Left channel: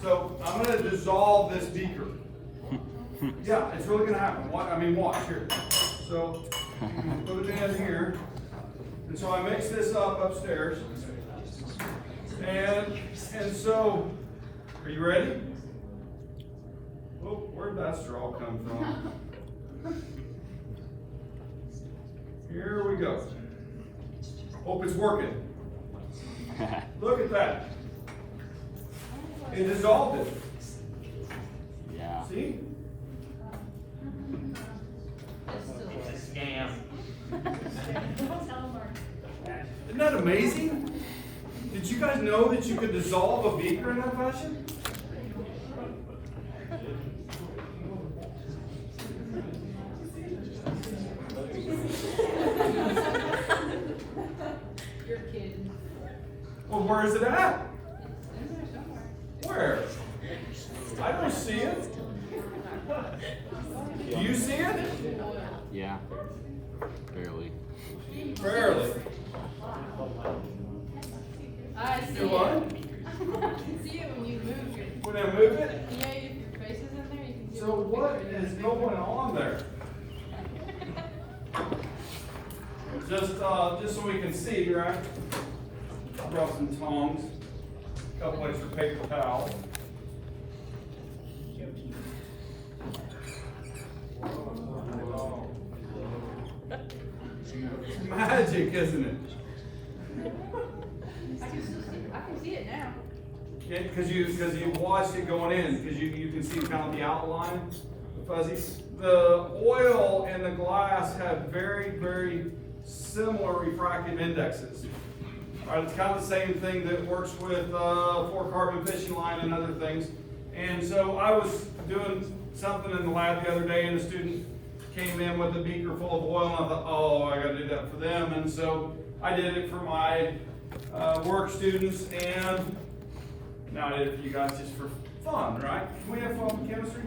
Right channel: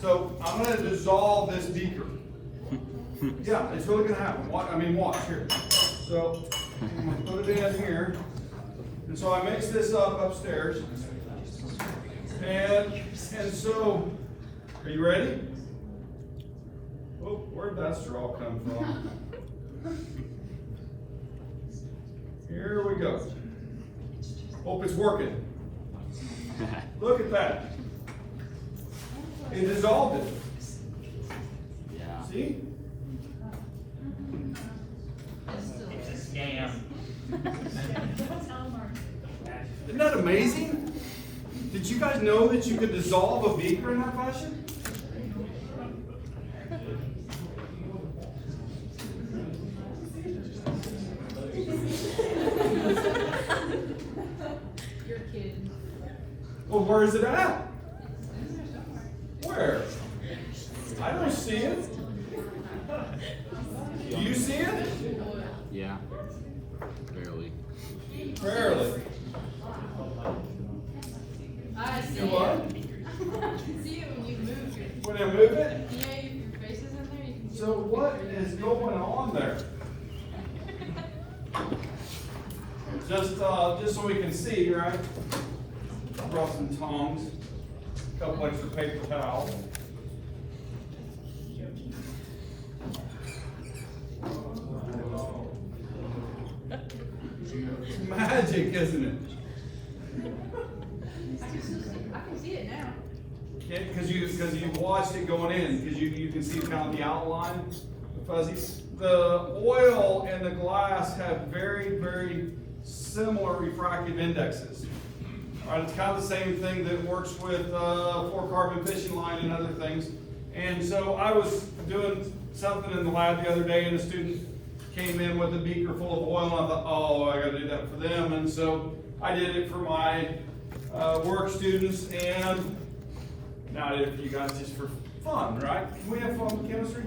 So I'm going to dissolve this beaker. Yeah, it's really going to happen. Watch here. So I'm going to put it in here. And so I mix this up upstairs. And so, are you ready? Oh, where'd that straw come from? Here we go. Hope it's working. Look at that. It dissolved it. Yeah. See? It's a scam. Isn't that amazing? Did you guys know that you could dissolve a beaker in that fashion? You're kidding. Well, where is it at? Where? I don't see it. Do you see it? Yeah. Barely. Barely. I see You what? it. I can see it when you move your. When I move it? You know, if your face is in there, you can. So what is going on there? Just so we can see, right? I brought some tongs, a couple extra paper towels. It's magic, isn't it? I can see it now. Yeah, because you watched it going in, because you can see kind of the outline, the fuzzy. The oil and the glass have very, very similar refractive indexes. All right, it's kind of the same thing that works with 4-carbon fishing line and other things. And so I was doing something in the lab the other day, and a student came in with a beaker full of oil, and I thought, oh, I got to do that for them. And so I did it for my work students, and now I did it for you guys just for fun, right? Can we have fun with chemistry?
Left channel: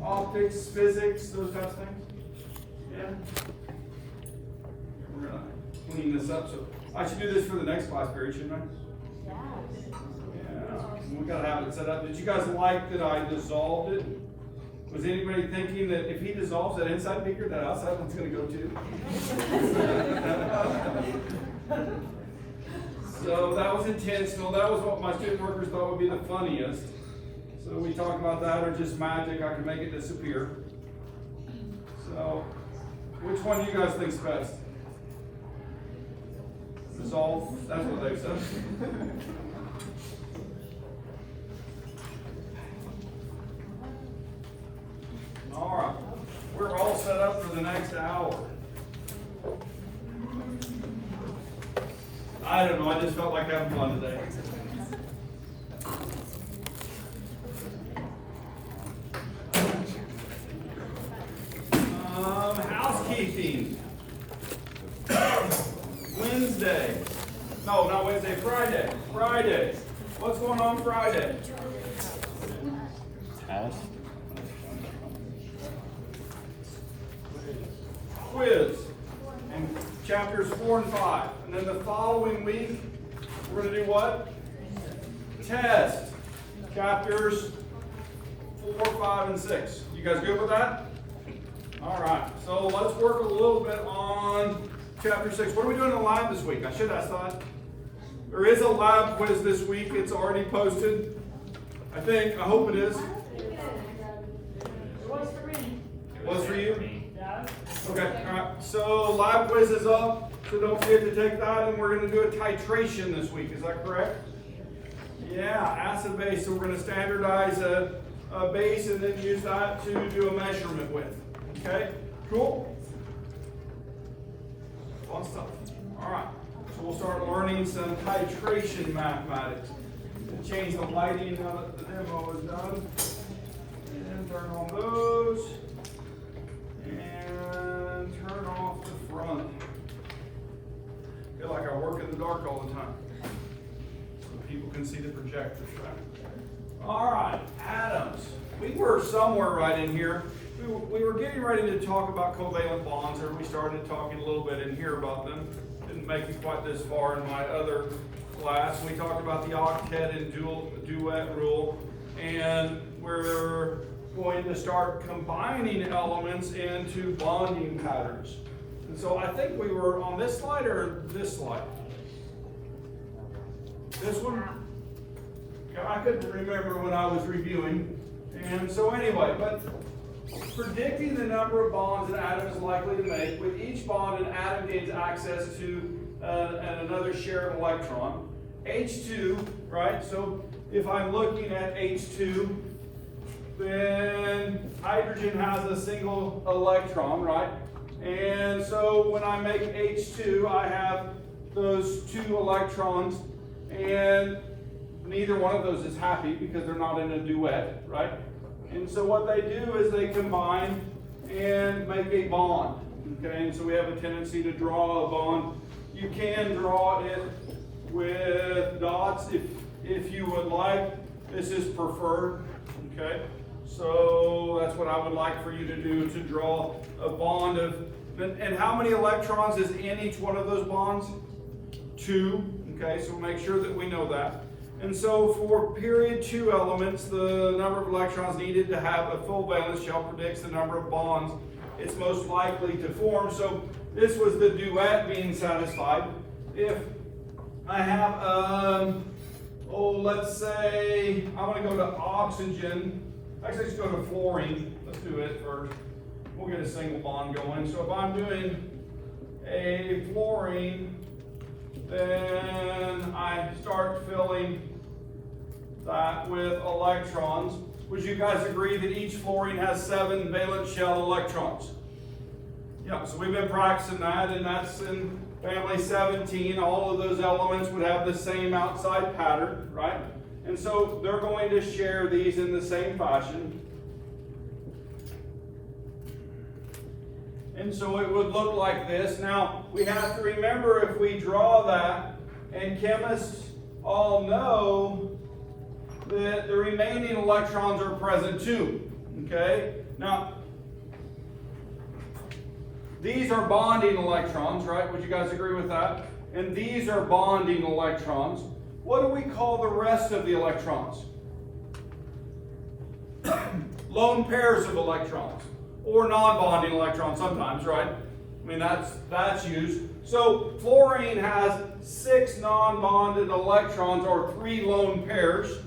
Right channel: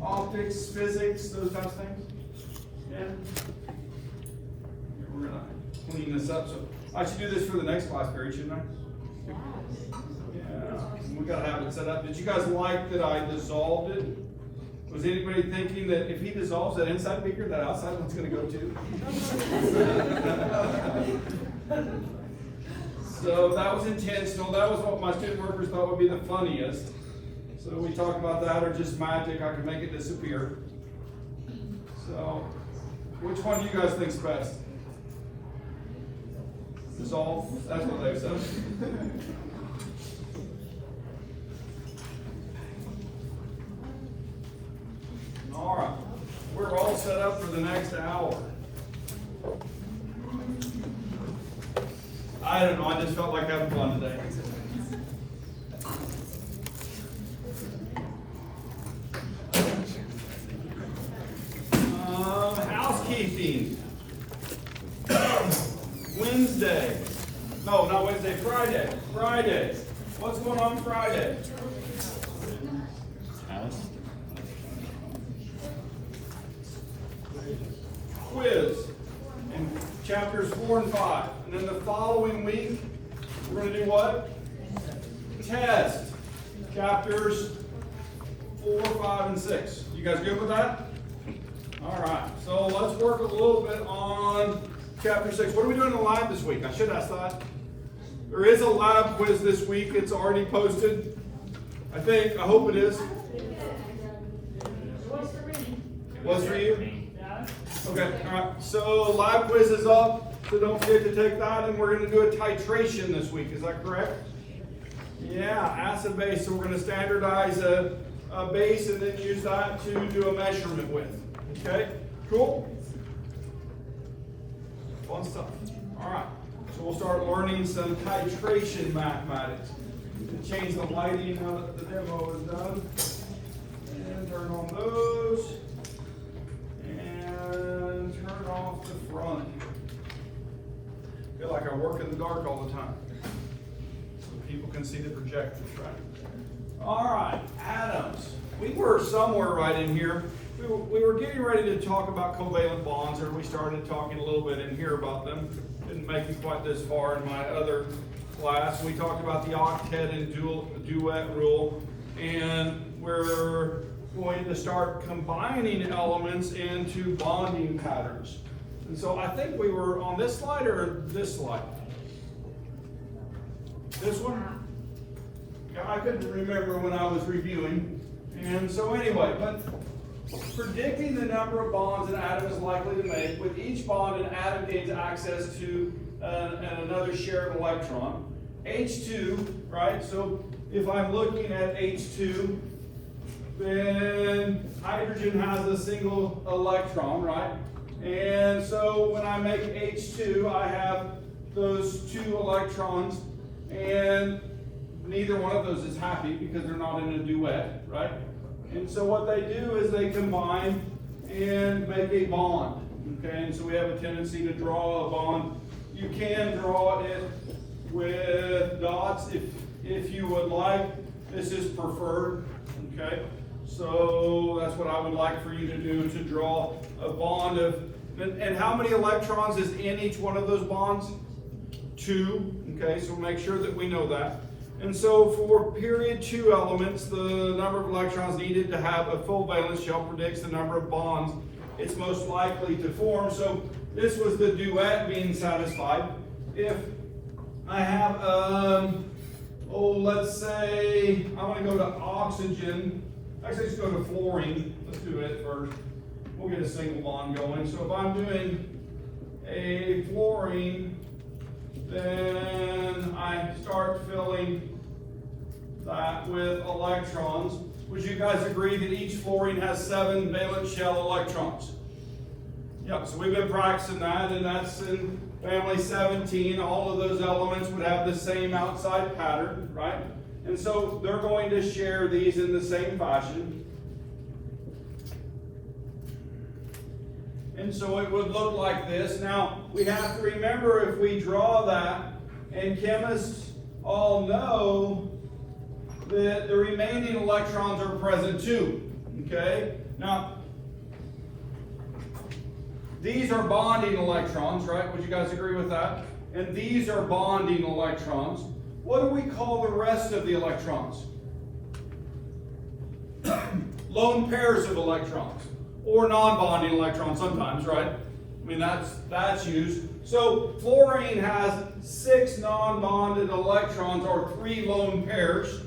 Optics, physics, those types of things? Yeah? We're going to clean this up. So I should do this for the next class period, shouldn't I? Yeah. We got to have it set up. Did you guys like that I dissolved it? Was anybody thinking that if he dissolves that inside beaker, that outside one's going to go too? So that was intentional. That was what my student workers thought would be the funniest. So we talked about that, or just magic, I could make it disappear. So, which one do you guys think's best? Dissolve? That's what they said. All right, we're all set up for the next hour. I don't know, I just felt like having fun today. Housekeeping. Wednesday. No, not Wednesday, Friday. Friday. What's going on Friday? Quiz in chapters 4 and 5. And then the following week, we're going to do what? Test. Chapters 4, 5, and 6. You guys good with that? All right. So let's work a little bit on chapter 6. What are we doing in the lab this week? I should ask that. There is a lab quiz this week. It's already posted. I think. I hope it is. Was for me. Was for you? Okay, all right. So lab quiz is up, so don't forget to take that, and we're going to do a titration this week. Is that correct? Yeah, acid base. So we're going to standardize a base and then use that to do a measurement with. Okay, cool. Fun stuff. All right. So we'll start learning some titration mathematics. Change the lighting now that the demo is done, and turn on those. And turn off the front. Feel like I work in the dark all the time. So people can see the projectors, right? All right, atoms. We were somewhere right in here. We were getting ready to talk about covalent bonds, or we started talking a little bit in here about them. Didn't make it quite this far in my other class. We talked about the octet and duet rule. and we're going to start combining elements into bonding patterns. And so I think we were on this slide or this slide? This one? Yeah, I couldn't remember when I was reviewing. And so anyway, but predicting the number of bonds an atom is likely to make. With each bond, an atom gains access to another shared electron. H2, right? So if I'm looking at H2, then hydrogen has a single electron, right? And so when I make H2, I have those two electrons, and neither one of those is happy because they're not in a duet, right? And so what they do is they combine and make a bond, okay? And so we have a tendency to draw a bond. You can draw it with dots if you would like. This is preferred, okay? So that's what I would like for you to do, to draw a bond of, and how many electrons is in each one of those bonds? 2, okay, so make sure that we know that. And so for period 2 elements, the number of electrons needed to have a full valence shell predicts the number of bonds it's most likely to form. So this was the duet being satisfied. If I have, let's say, I'm going to go to oxygen. Actually, let's go to fluorine. Let's do it first. We'll get a single bond going. So if I'm doing a fluorine, then I start filling that with electrons. Would you guys agree that each fluorine has 7 valence shell electrons? Yep, so we've been practicing that, and that's in family 17. All of those elements would have the same outside pattern, right? And so they're going to share these in the same fashion. And so it would look like this. Now, we have to remember, if we draw that, and chemists all know that the remaining electrons are present too, okay? Now, these are bonding electrons, right? Would you guys agree with that? And these are bonding electrons. What do we call the rest of the electrons? Lone pairs of electrons, or non-bonding electrons sometimes, right? I mean, that's used. So fluorine has 6 non-bonded electrons, or 3 lone pairs,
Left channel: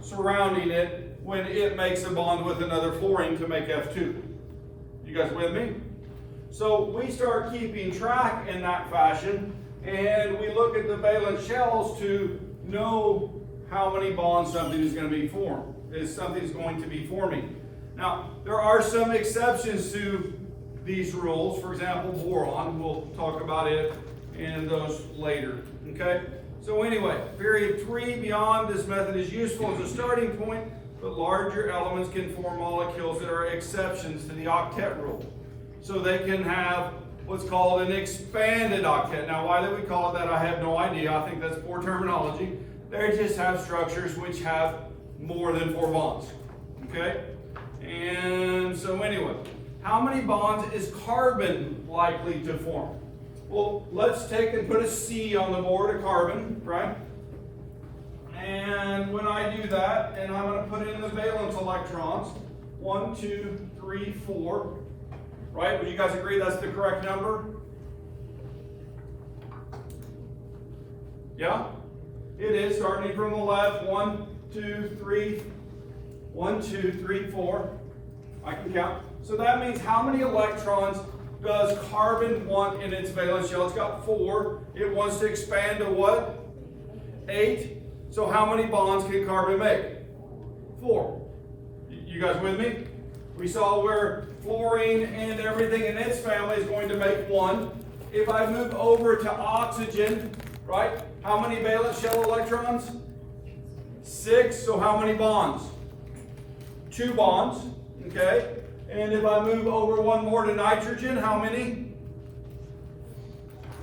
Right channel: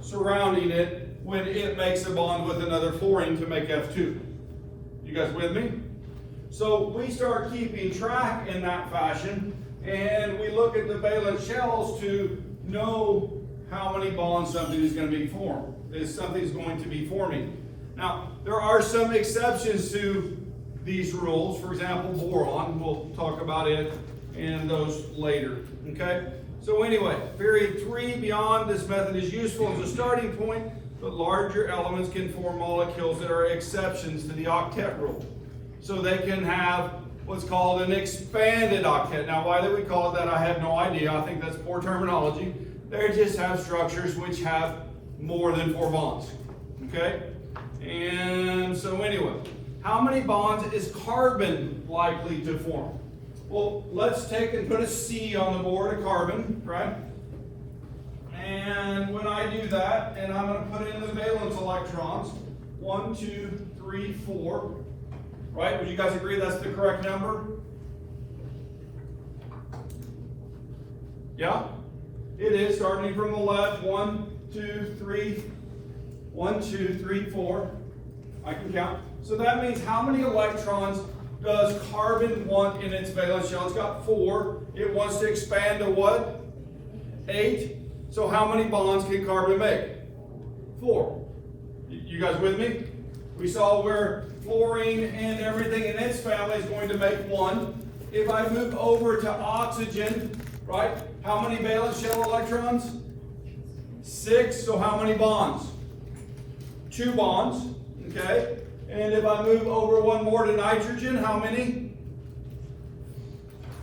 surrounding it when it makes a bond with another fluorine to make F2. You guys with me? So we start keeping track in that fashion, and we look at the valence shells to know how many bonds something is going to be formed, is something's going to be forming. Now, there are some exceptions to these rules. For example, boron, we'll talk about it in those later, okay? So anyway, period 3, beyond this method is useful as a starting point, but larger elements can form molecules that are exceptions to the octet rule. So they can have what's called an expanded octet. Now, why they would call it that, I have no idea. I think that's poor terminology. They just have structures which have more than 4 bonds, okay? And so anyway, how many bonds is carbon likely to form? Well, let's take and put a C on the board, a carbon, right? And when I do that, and I'm going to put in the valence electrons, 1, 2, 3, 4, right? Would you guys agree that's the correct number? Yeah? It is, starting from the left, 1, 2, 3, 1, 2, 3, 4. I can count. So that means how many electrons does carbon want in its valence shell? It's got 4. It wants to expand to what? 8. So how many bonds can carbon make? 4. You guys with me? We saw where fluorine and everything in its family is going to make 1. If I move over to oxygen, right? How many valence shell electrons? 6. So how many bonds? 2 bonds. Okay? And if I move over one more to nitrogen, how many?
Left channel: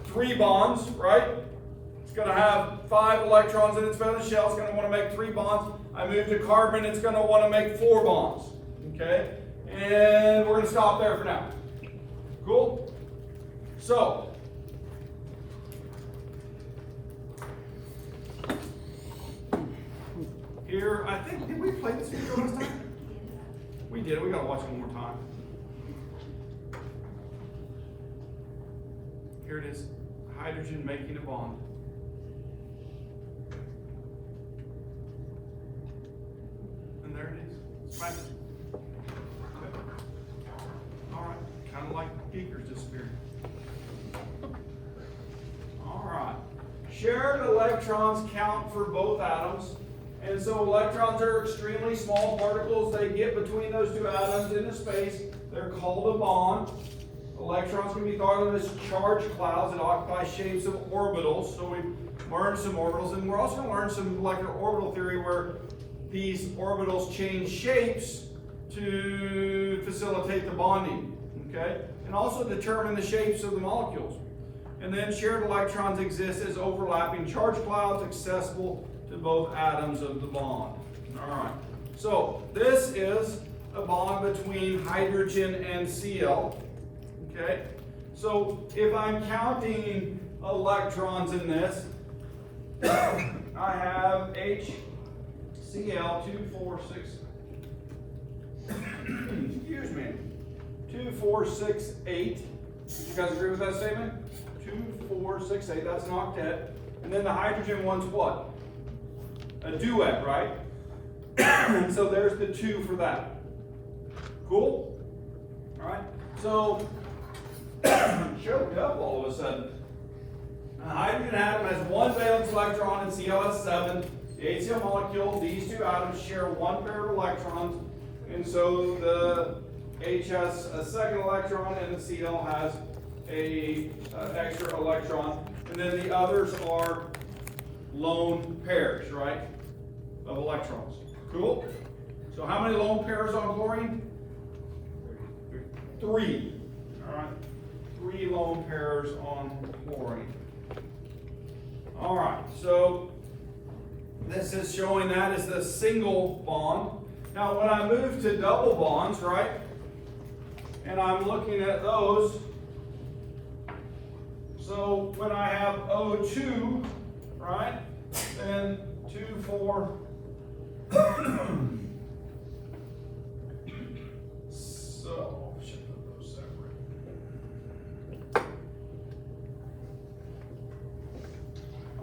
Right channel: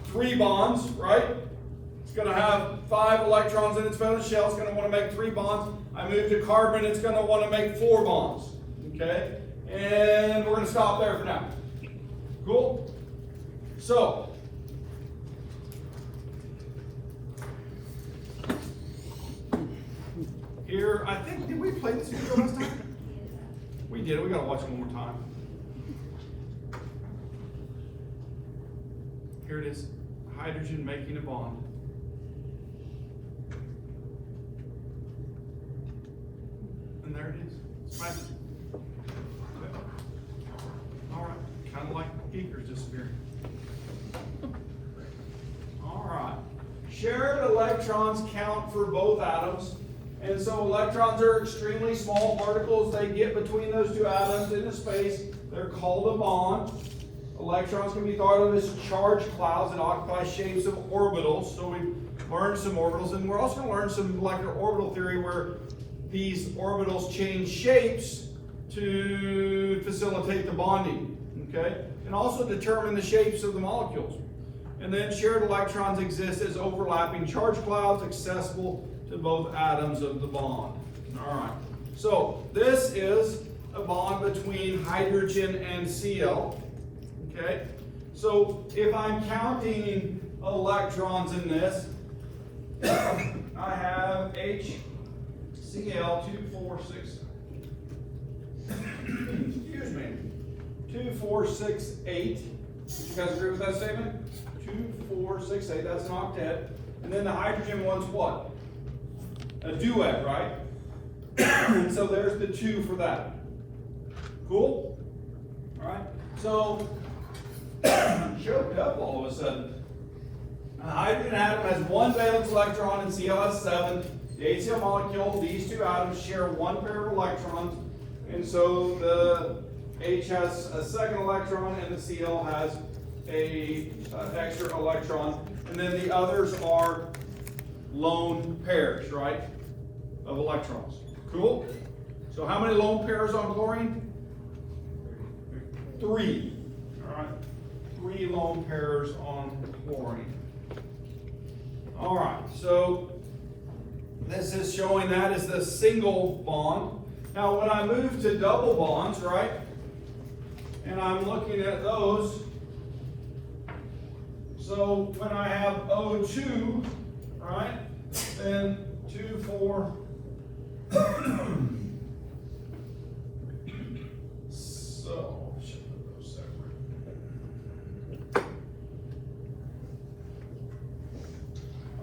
3 bonds, right? It's going to have 5 electrons in its valence shell. It's going to want to make 3 bonds. I move to carbon, it's going to want to make 4 bonds. Okay? And we're going to stop there for now. Cool? So, Here, I think, did we play this video last time? We did, we gotta watch it one more time. Here it is, hydrogen making a bond. And there it is, it's magic. Okay. All right, kind of like beakers disappearing. All right, shared electrons count for both atoms. And so electrons are extremely small particles. They get between those two atoms into space. They're called a bond. Electrons can be thought of as charged clouds that occupy shapes of orbitals. So we learned some orbitals, and we're also going to learn some molecular orbital theory where these orbitals change shapes to facilitate the bonding, okay? And also determine the shapes of the molecules. And then shared electrons exist as overlapping charge clouds accessible to both atoms of the bond. All right, so this is a bond between hydrogen and Cl, okay? So if I'm counting electrons in this, I have HCl246, excuse me, 2468. You guys agree with that statement? 2468, that's an octet. And then the hydrogen one's what? A duet, right? So there's the 2 for that. Cool? All right. So choked up all of a sudden. A hydrogen atom has 1 valence electron and Cl has 7. The HCl molecule, these two atoms share 1 pair of electrons, and so the H has a second electron and the Cl has an extra electron, and then the others are lone pairs, right, of electrons. Cool? So how many lone pairs on chlorine? 3. All right, 3 lone pairs on chlorine. All right, so this is showing that is the single bond. Now when I move to double bonds, right, and I'm looking at those, so when I have O2, right, then 2, 4, so, should put those separate.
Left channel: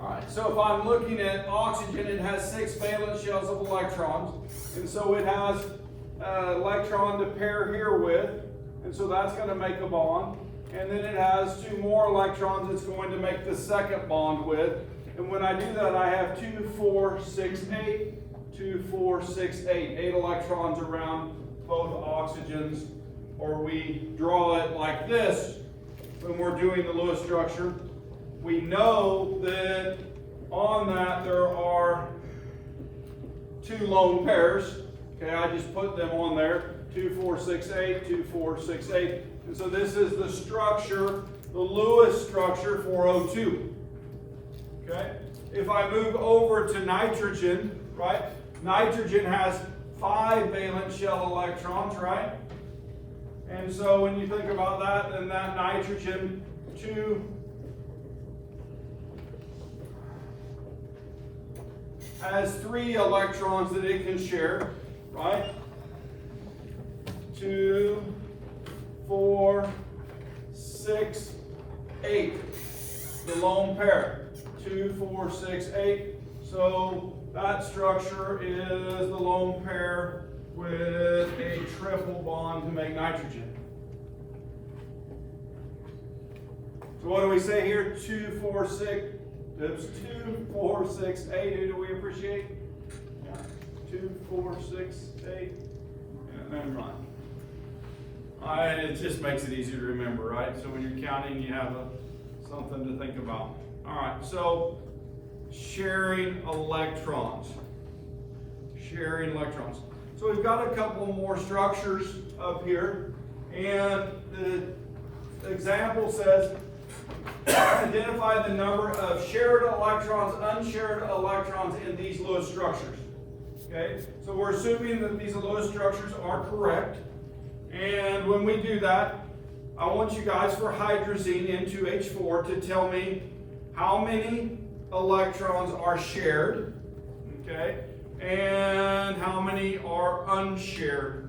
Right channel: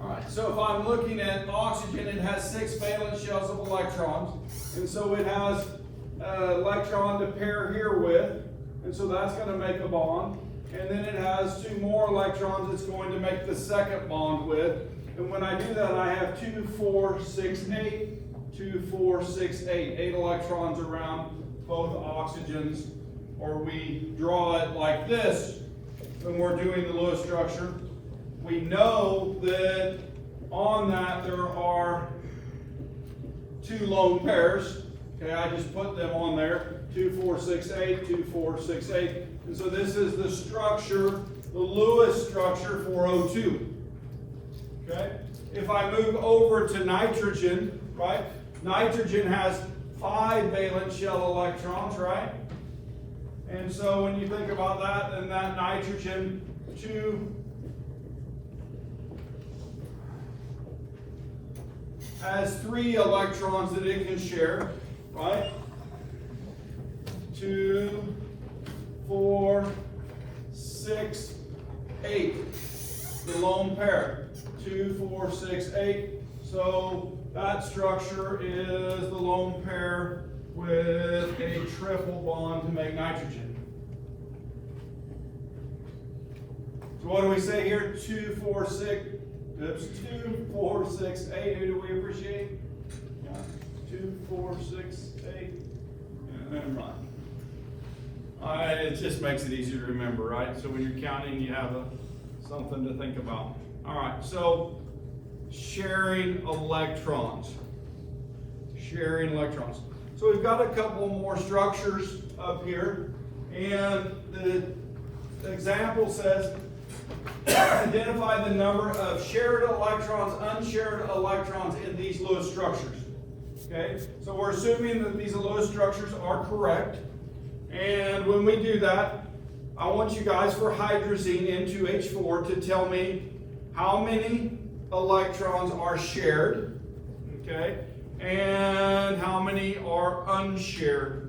All right, so if I'm looking at oxygen, it has 6 valence shells of electrons, and so it has an electron to pair here with, and so that's going to make a bond. And then it has 2 more electrons it's going to make the second bond with. And when I do that, I have 2, 4, 6, 8, 2, 4, 6, 8. 8 electrons around both oxygens. Or we draw it like this when we're doing the Lewis structure. We know that on that there are 2 lone pairs. Okay, I just put them on there. 2, 4, 6, 8, 2, 4, 6, 8. And so this is the structure, the Lewis structure for O2. Okay? If I move over to nitrogen, right? Nitrogen has 5 valence shell electrons, right? And so when you think about that, then that nitrogen 2 has 3 electrons that it can share, right? 2, 4, 6, 8. The lone pair. 2, 4, 6, 8. So that structure is the lone pair with a triple bond to make nitrogen. So what do we say here? 2, 4, 6. Oops. 2, 4, 6, 8. Who do we appreciate? 2, 4, 6, 8. And then run. It just makes it easier to remember, right? So when you're counting, you have something to think about. All right, so sharing electrons. Sharing electrons. So we've got a couple more structures up here, and the example says, identify the number of shared electrons, unshared electrons in these Lewis structures. Okay, so we're assuming that these Lewis structures are correct. And when we do that, I want you guys for hydrazine N2H4 to tell me how many electrons are shared, okay? And how many are unshared?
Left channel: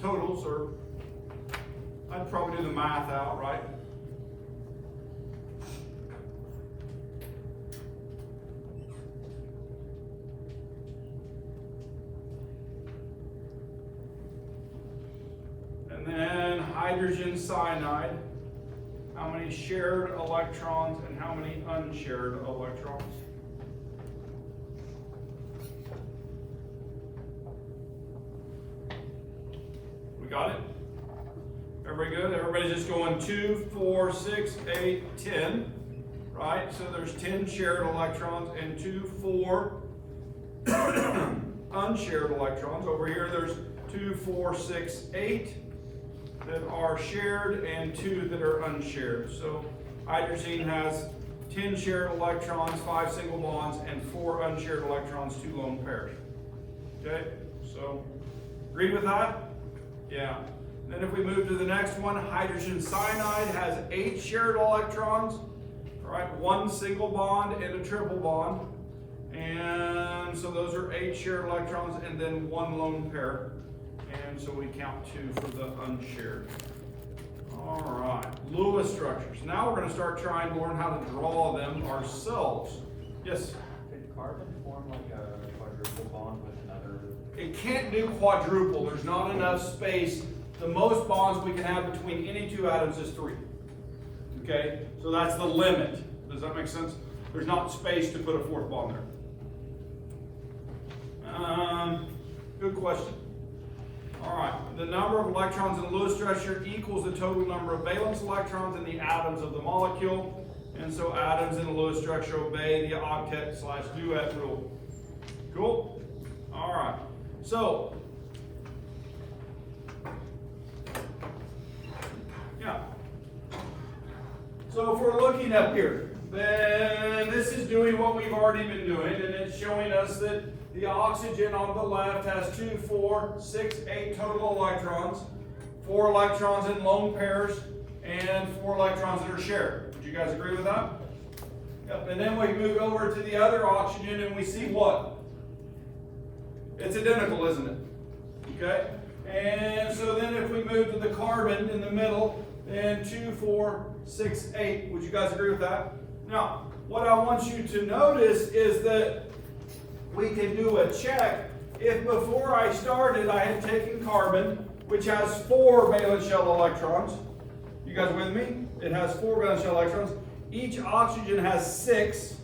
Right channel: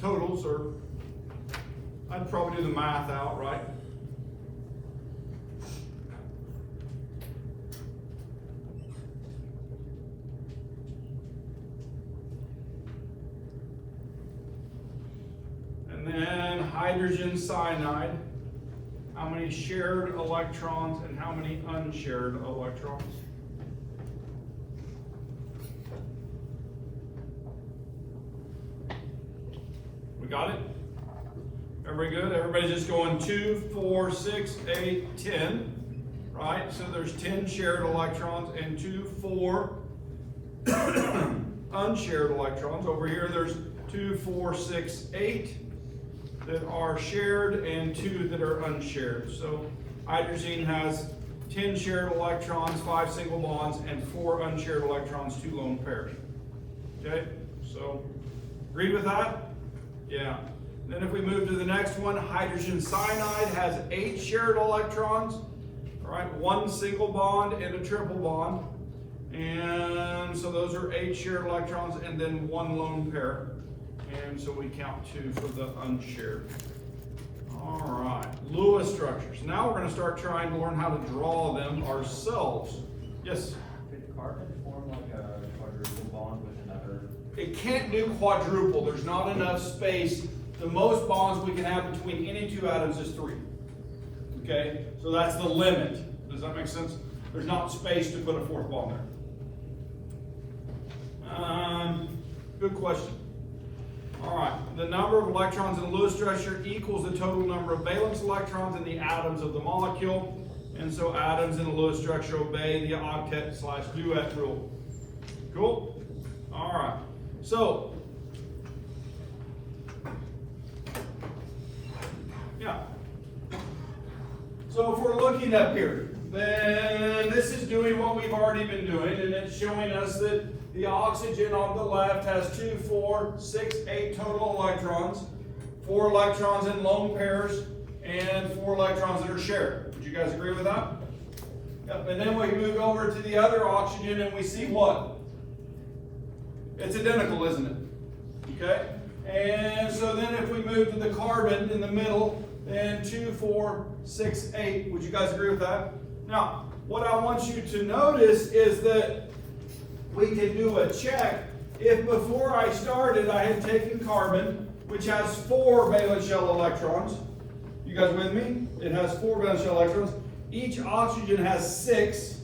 Totals are, I'd probably do the math out, right? And then hydrogen cyanide, how many shared electrons and how many unshared electrons? We got it? Everybody good? Everybody's just going 2, 4, 6, 8, 10, right? So there's 10 shared electrons and 2, 4 unshared electrons. Over here there's 2, 4, 6, 8 that are shared and 2 that are unshared. So hydrogen has 10 shared electrons, 5 single bonds, and 4 unshared electrons, 2 lone pairs. Okay, so agree with that? Yeah. Then if we move to the next one, hydrogen cyanide has 8 shared electrons, all right, 1 single bond and a triple bond. And so those are 8 shared electrons and then 1 lone pair. And so we count 2 for the unshared. All right, Lewis structures. Now we're going to start trying to learn how to draw them ourselves. Yes? Can carbon form like a quadruple bond with another? It can't do quadruple. There's not enough space. The most bonds we can have between any 2 atoms is 3. Okay? So that's the limit. Does that make sense? There's not space to put a 4th bond there. Good question. All right, the number of electrons in a Lewis structure equals the total number of valence electrons in the atoms of the molecule. And so atoms in a Lewis structure obey the octet/duet rule. Cool? All right, so, yeah. So if we're looking up here, then this is doing what we've already been doing, and it's showing us that the oxygen on the left has 2, 4, 6, 8 total electrons, 4 electrons in lone pairs, and 4 electrons that are shared. Would you guys agree with that? Yep. And then we move over to the other oxygen and we see what? It's identical, isn't it? Okay? And so then if we move to the carbon in the middle, then 2, 4, 6, 8. Would you guys agree with that? Now, what I want you to notice is that we can do a check. If before I started I had taken carbon, which has 4 valence shell electrons. You guys with me? It has 4 valence shell electrons. Each oxygen has 6,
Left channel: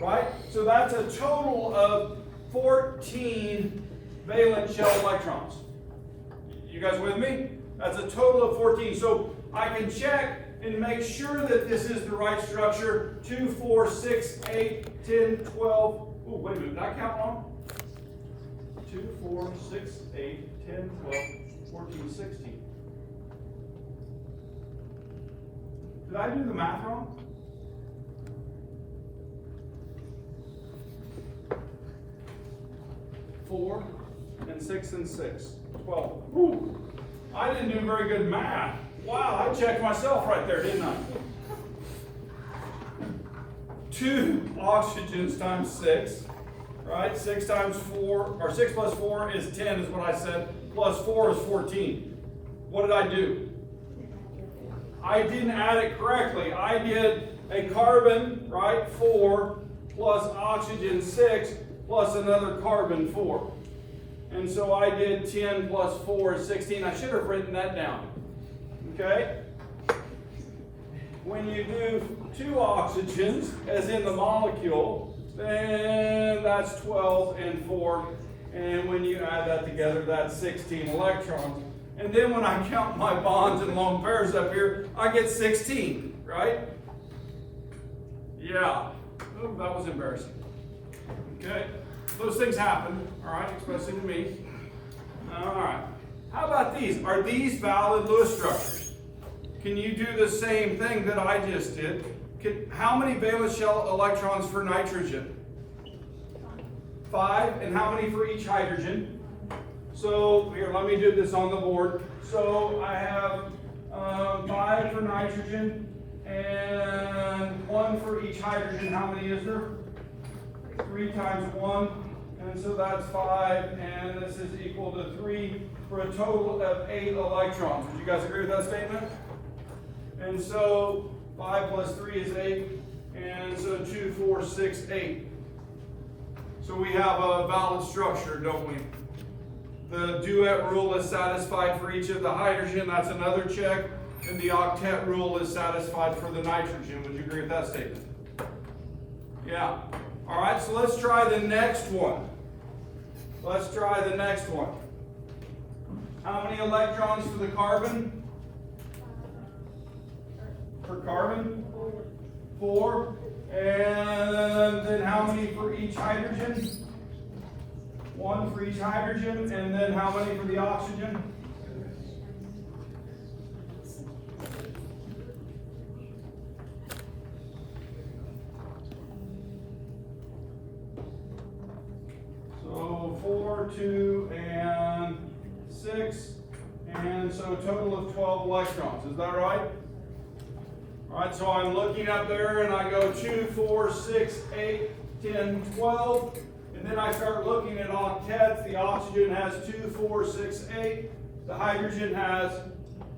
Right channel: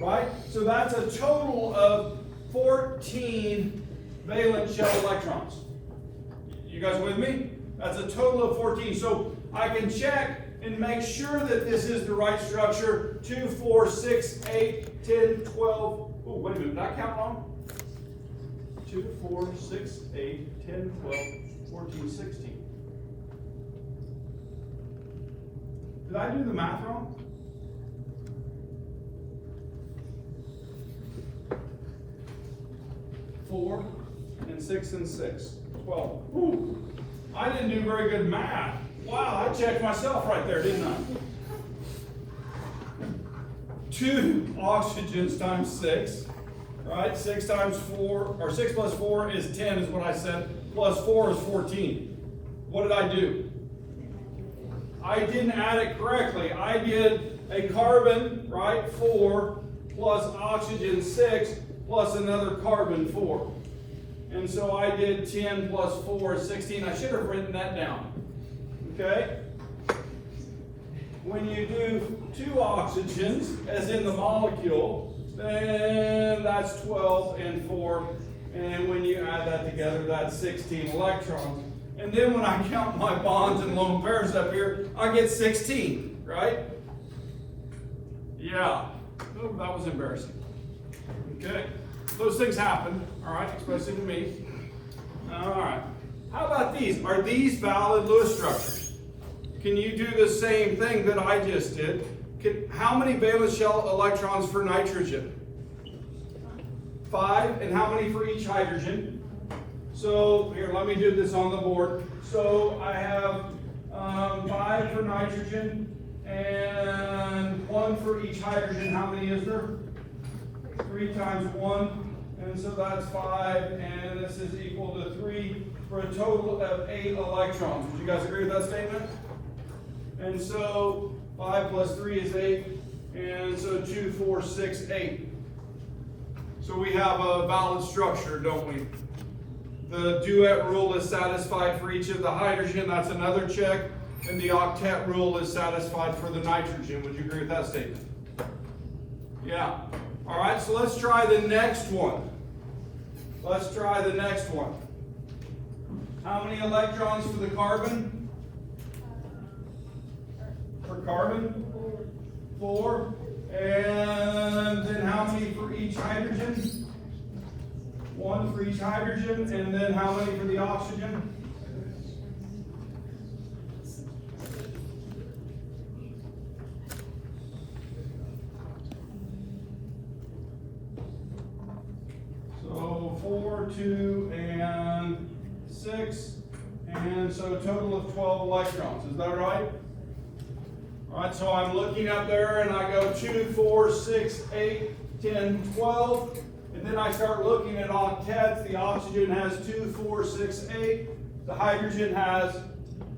right? So that's a total of 14 valence shell electrons. You guys with me? That's a total of 14. So I can check and make sure that this is the right structure. 2, 4, 6, 8, 10, 12. Oh, wait a minute, did I count wrong? 2, 4, 6, 8, 10, 12, 14, 16. Did I do the math wrong? Four and 6 and 6. 12. Ooh, I didn't do very good math. Wow, I checked myself right there, didn't I? 2 oxygens times 6, right? 6 times 4, or 6 plus 4 is 10 is what I said, plus 4 is 14. What did I do? I didn't add it correctly. I did a carbon, right, 4, plus oxygen 6, plus another carbon 4. And so I did 10 plus 4 is 16. I should have written that down. Okay? When you do 2 oxygens, as in the molecule, then that's 12 and 4. And when you add that together, that's 16 electrons. And then when I count my bonds and lone pairs up here, I get 16, right? Yeah. Oh, that was embarrassing. Okay? Those things happen, all right, especially to me. All right. How about these? Are these valid Lewis structures? Can you do the same thing that I just did? How many valence shell electrons for nitrogen? 5. And how many for each hydrogen? So here, let me do this on the board. So I have 5 for nitrogen and 1 for each hydrogen. How many is there? 3 times 1, and so that's 5, and this is equal to 3 for a total of 8 electrons. Would you guys agree with that statement? And so 5 plus 3 is 8, and so 2, 4, 6, 8. So we have a valid structure, don't we? The duet rule is satisfied for each of the hydrogen, that's another check, and the octet rule is satisfied for the nitrogen. Would you agree with that statement? Yeah. All right, so let's try the next one. Let's try the next one. How many electrons for the carbon? For carbon? 4. And then how many for each hydrogen? 1 for each hydrogen. And then how many for the oxygen? So 4, 2, and 6. And so a total of 12 electrons. Is that right? All right, so I'm looking up there and I go 2, 4, 6, 8, 10, 12. And then I start looking at octets. The oxygen has 2, 4, 6, 8. The hydrogen has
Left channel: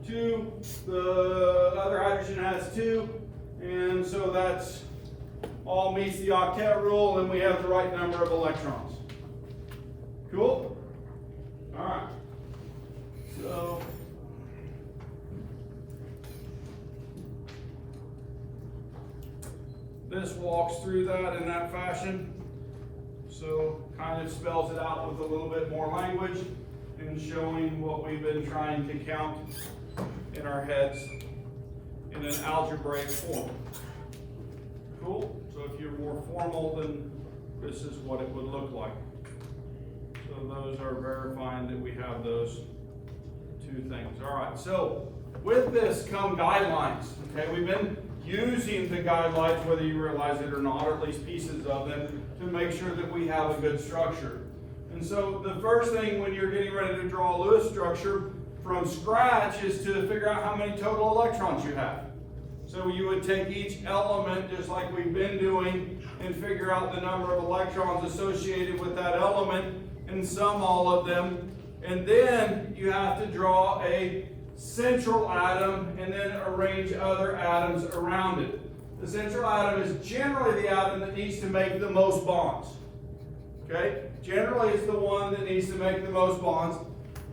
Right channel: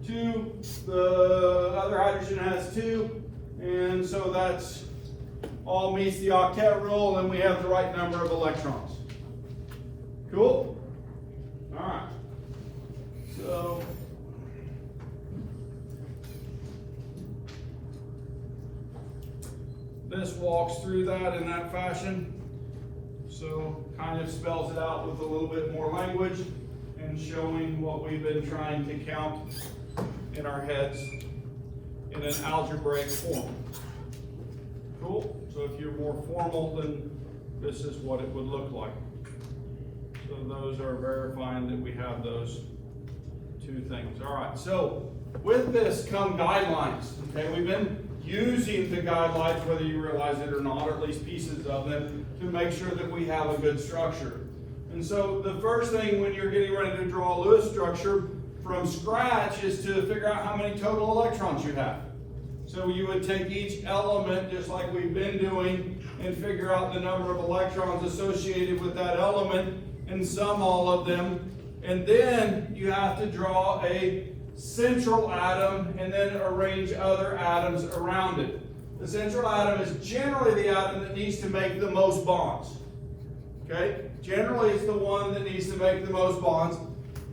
2. The other hydrogen has 2. And so that's all meets the octet rule, and we have the right number of electrons. Cool? All right. So this walks through that in that fashion. So kind of spells it out with a little bit more language and showing what we've been trying to count in our heads in an algebraic form. Cool? So if you're more formal, then this is what it would look like. So those are verifying that we have those 2 things. All right, so with this come guidelines. Okay, we've been using the guidelines, whether you realize it or not, or at least pieces of them, to make sure that we have a good structure. And so the first thing when you're getting ready to draw a Lewis structure from scratch is to figure out how many total electrons you have. So you would take each element, just like we've been doing, and figure out the number of electrons associated with that element and sum all of them. And then you have to draw a central atom and then arrange other atoms around it. The central atom is generally the atom that needs to make the most bonds. Okay? Generally it's the one that needs to make the most bonds.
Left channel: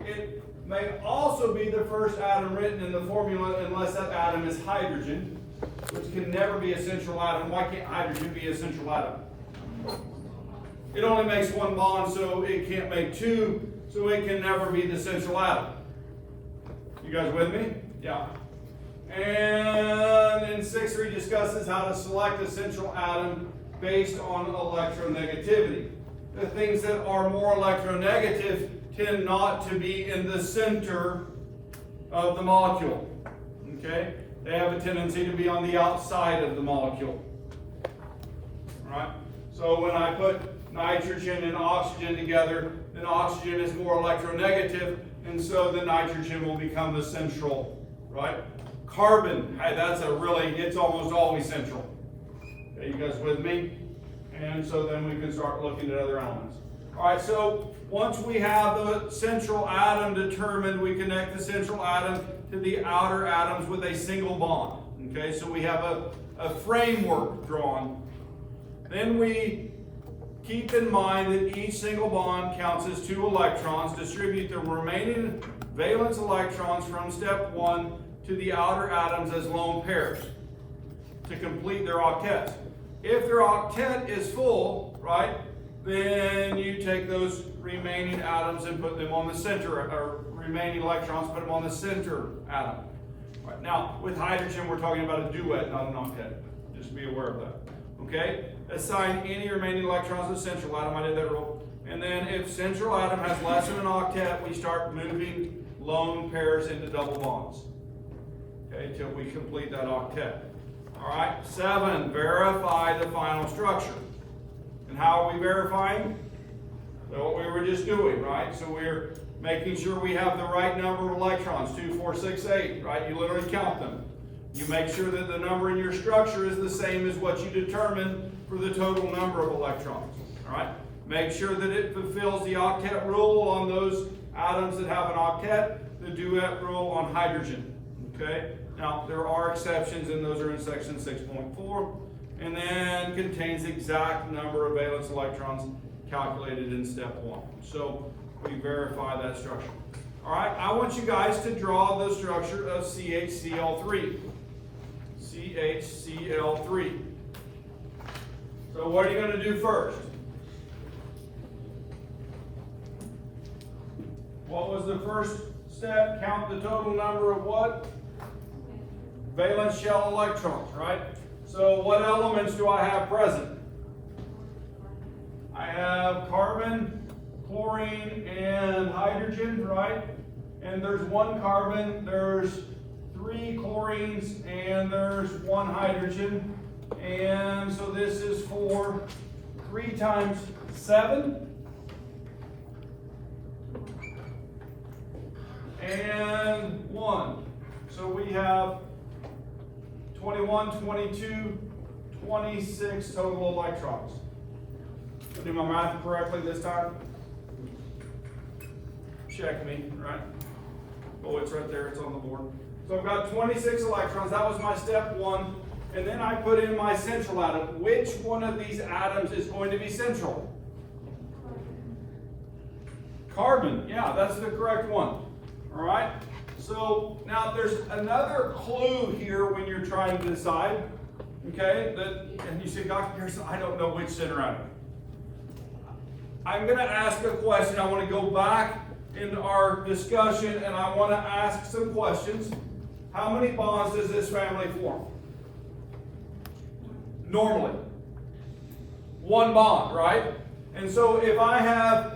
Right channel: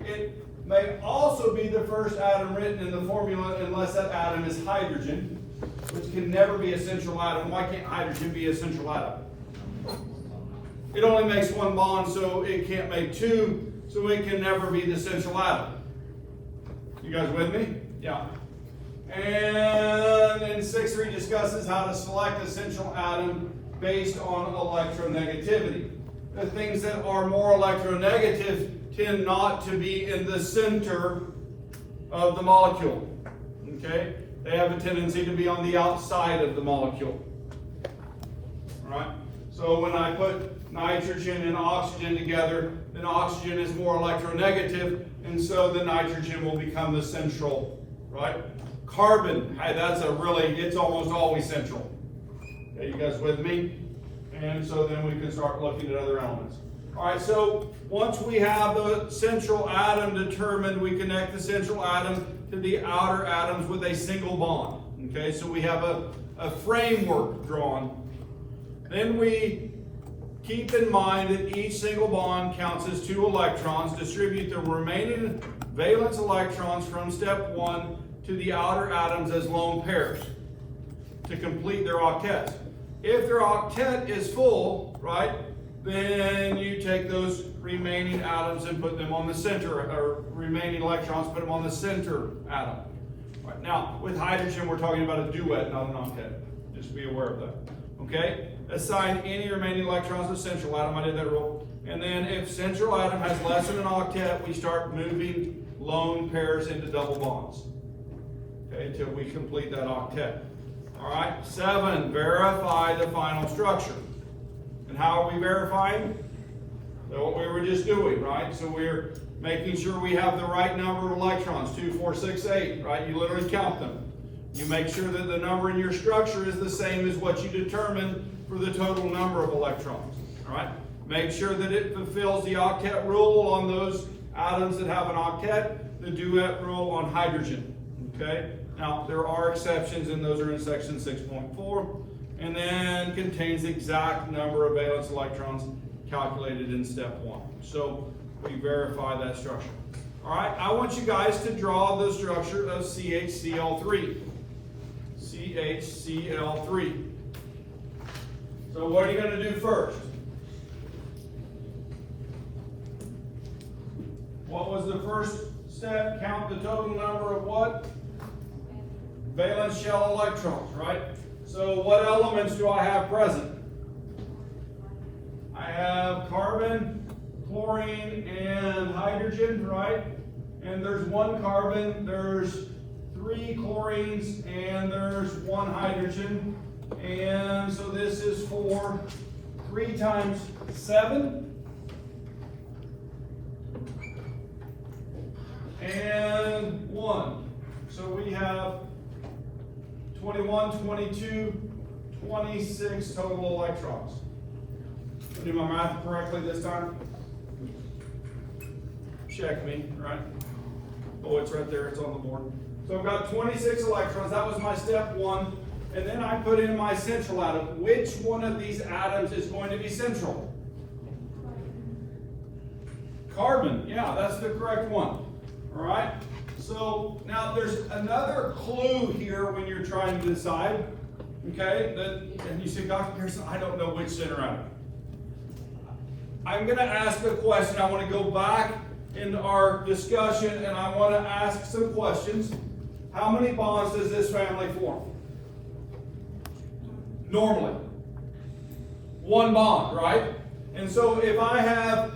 It may also be the first atom written in the formula unless that atom is hydrogen, which can never be a central atom. Why can't hydrogen be a central atom? It only makes 1 bond, so it can't make 2, so it can never be the central atom. You guys with me? Yeah. And then 6.3 discusses how to select a central atom based on electronegativity. The things that are more electronegative tend not to be in the center of the molecule. Okay? They have a tendency to be on the outside of the molecule. All right? So when I put nitrogen and oxygen together, then oxygen is more electronegative, and so the nitrogen will become the central, right? Carbon, hey, it's almost always central. Okay, you guys with me? And so then we can start looking at other elements. All right, so once we have the central atom determined, we connect the central atom to the outer atoms with a single bond. Okay, so we have a framework drawn. Then we keep in mind that each single bond counts as 2 electrons. Distribute the remaining valence electrons from step 1 to the outer atoms as lone pairs to complete their octets. If their octet is full, right, then you take those remaining atoms and put them on the center, or remaining electrons, put them on the center atom. Right, now, with hydrogen, we're talking about a duet, not an octet. Just be aware of that. Okay? Assign any remaining electrons to the central atom. I did that rule. And then if central atom has less than an octet, we start moving lone pairs into double bonds. Okay, till we complete that octet. All right, 7, verify the final structure. And how are we verifying? So what we were just doing, right? So we're making sure we have the right number of electrons, 2, 4, 6, 8, right? You literally count them. You make sure that the number in your structure is the same as what you determined for the total number of electrons. All right. Make sure that it fulfills the octet rule on those atoms that have an octet, the duet rule on hydrogen. Okay. Now there are exceptions, and those are in section 6.4, and then contains the exact number of valence electrons calculated in step 1. So we verify that structure. All right, I want you guys to draw the structure of CHCl3. CHCl3. So what are you going to do first? What was the first step? Count the total number of what? Valence shell electrons, right? So what elements do I have present? I have carbon, chlorine, and hydrogen, right? And there's 1 carbon, there's 3 chlorines, and there's 1 hydrogen. And so this is for 3 times 7. And 1. So we have 21, 22, 26 total electrons. Did my math correctly this time? Check me, right? Oh, it's right there, it's on the board. So I've got 26 electrons, that was my step 1. And then I put in my central atom. Which one of these atoms is going to be central? Carbon, yeah, that's the correct one. All right? So now there's another clue here when you're trying to decide, okay? And you say, Dr. Pearson, I don't know which center atom. I'm going to ask a question. I want to go back into our discussion, and I want to ask some questions. How many bonds does this family form? Normally. 1 bond, right? And so if I have,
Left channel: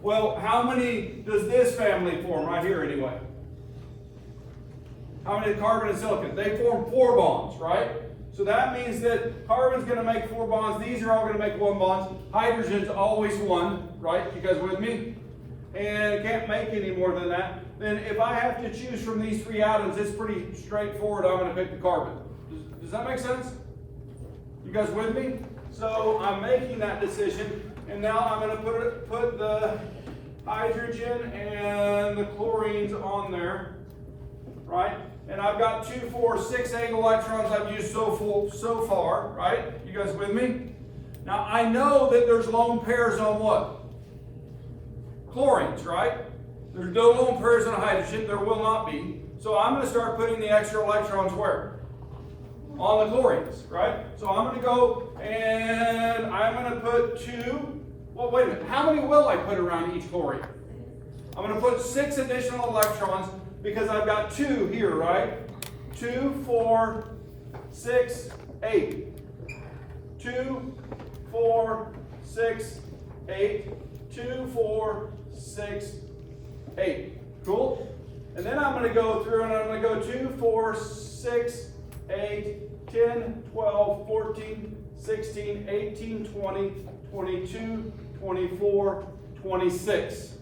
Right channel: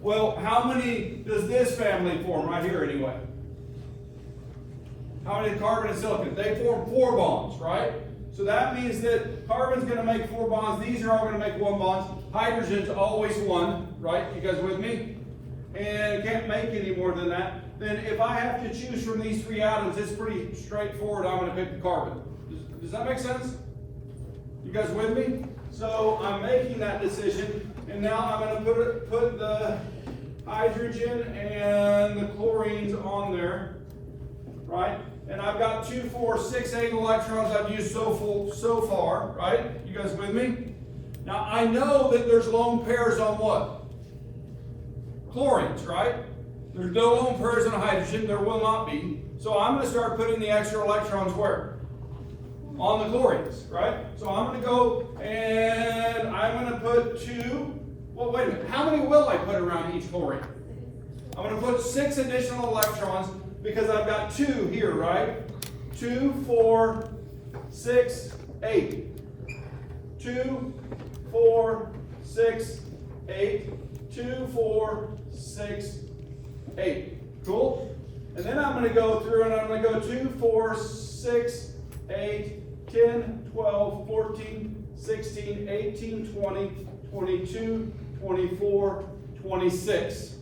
well, how many does this family form right here anyway? How many carbon and silicon? They form 4 bonds, right? So that means that carbon's going to make 4 bonds. These are all going to make 1 bond. Hydrogen's always 1, right? You guys with me? And can't make any more than that. Then if I have to choose from these 3 atoms, it's pretty straightforward. I'm going to pick the carbon. Does that make sense? You guys with me? So I'm making that decision, and now I'm going to put the hydrogen and the chlorines on there, right? And I've got 2, 4, 6, 8 electrons I've used so far, right? You guys with me? Now I know that there's lone pairs on what? Chlorines, right? There's no lone pairs on hydrogen. There will not be. So I'm going to start putting the extra electrons where? On the chlorines, right? So I'm going to go and I'm going to put 2. Well, wait a minute. How many will I put around each chlorine? I'm going to put 6 additional electrons because I've got 2 here, right? 2, 4, 6, 8. 2, 4, 6, 8. 2, 4, 6, 8. Cool? And then I'm going to go through and I'm going to go 2, 4, 6, 8, 10, 12, 14, 16, 18, 20, 22, 24, 26.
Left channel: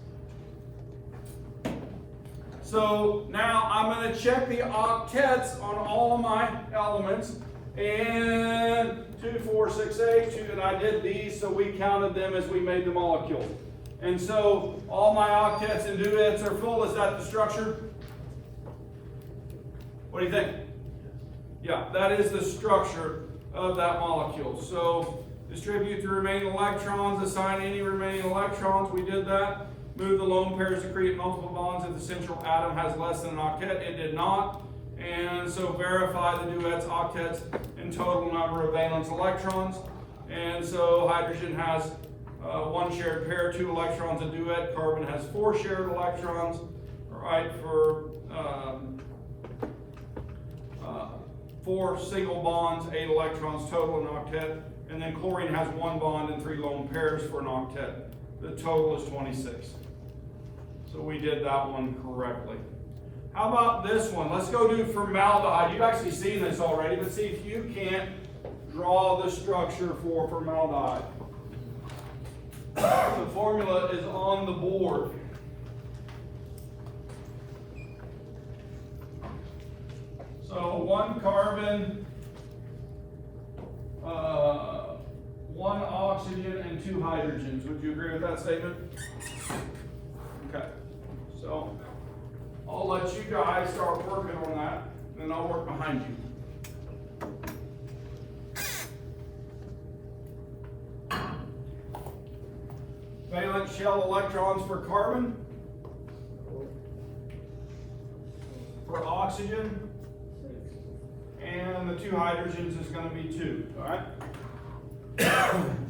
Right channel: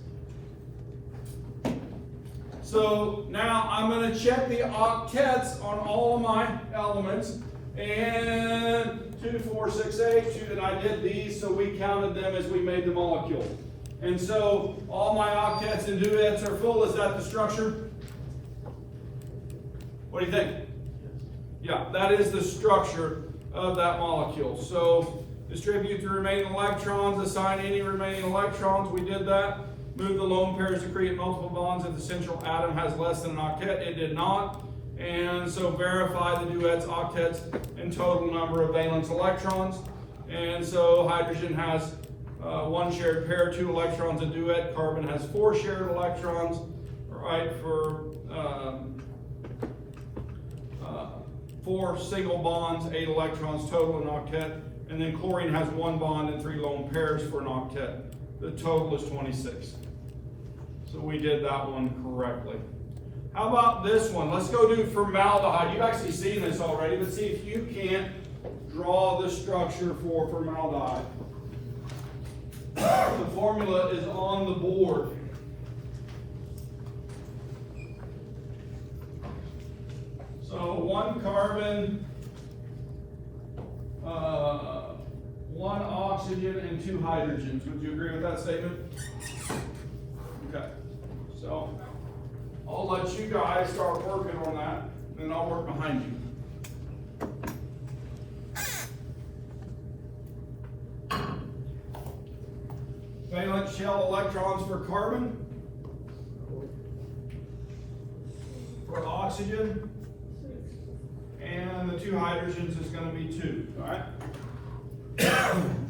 So now I'm going to check the octets on all of my elements. And 2, 4, 6, 8, 2, and I did these, so we counted them as we made the molecule. And so all my octets and duets are full. Is that the structure? What do you think? Yeah, that is the structure of that molecule. So distribute the remaining electrons, assign any remaining electrons. We did that. Move the lone pairs to create multiple bonds if the central atom has less than an octet. It did not. And so verify the duets, octets, and total number of valence electrons. And so hydrogen has 1 shared pair, 2 electrons a duet. Carbon has 4 shared electrons, right, for 4 single bonds, 8 electrons total in octet. And then chlorine has 1 bond and 3 lone pairs for an octet. The total is 26. So we did that one correctly. How about this one? Let's go do formaldehyde. You've actually seen this already, but see if you can't draw the structure for formaldehyde. The formula is on the board. So 1 carbon, 2 hydrogens. Would you agree with that statement? Okay. So I'll let you guys start working on that, and I'll work behind you. Valence shell electrons for carbon. For oxygen. And the 2 hydrogens is going to be 2, all right?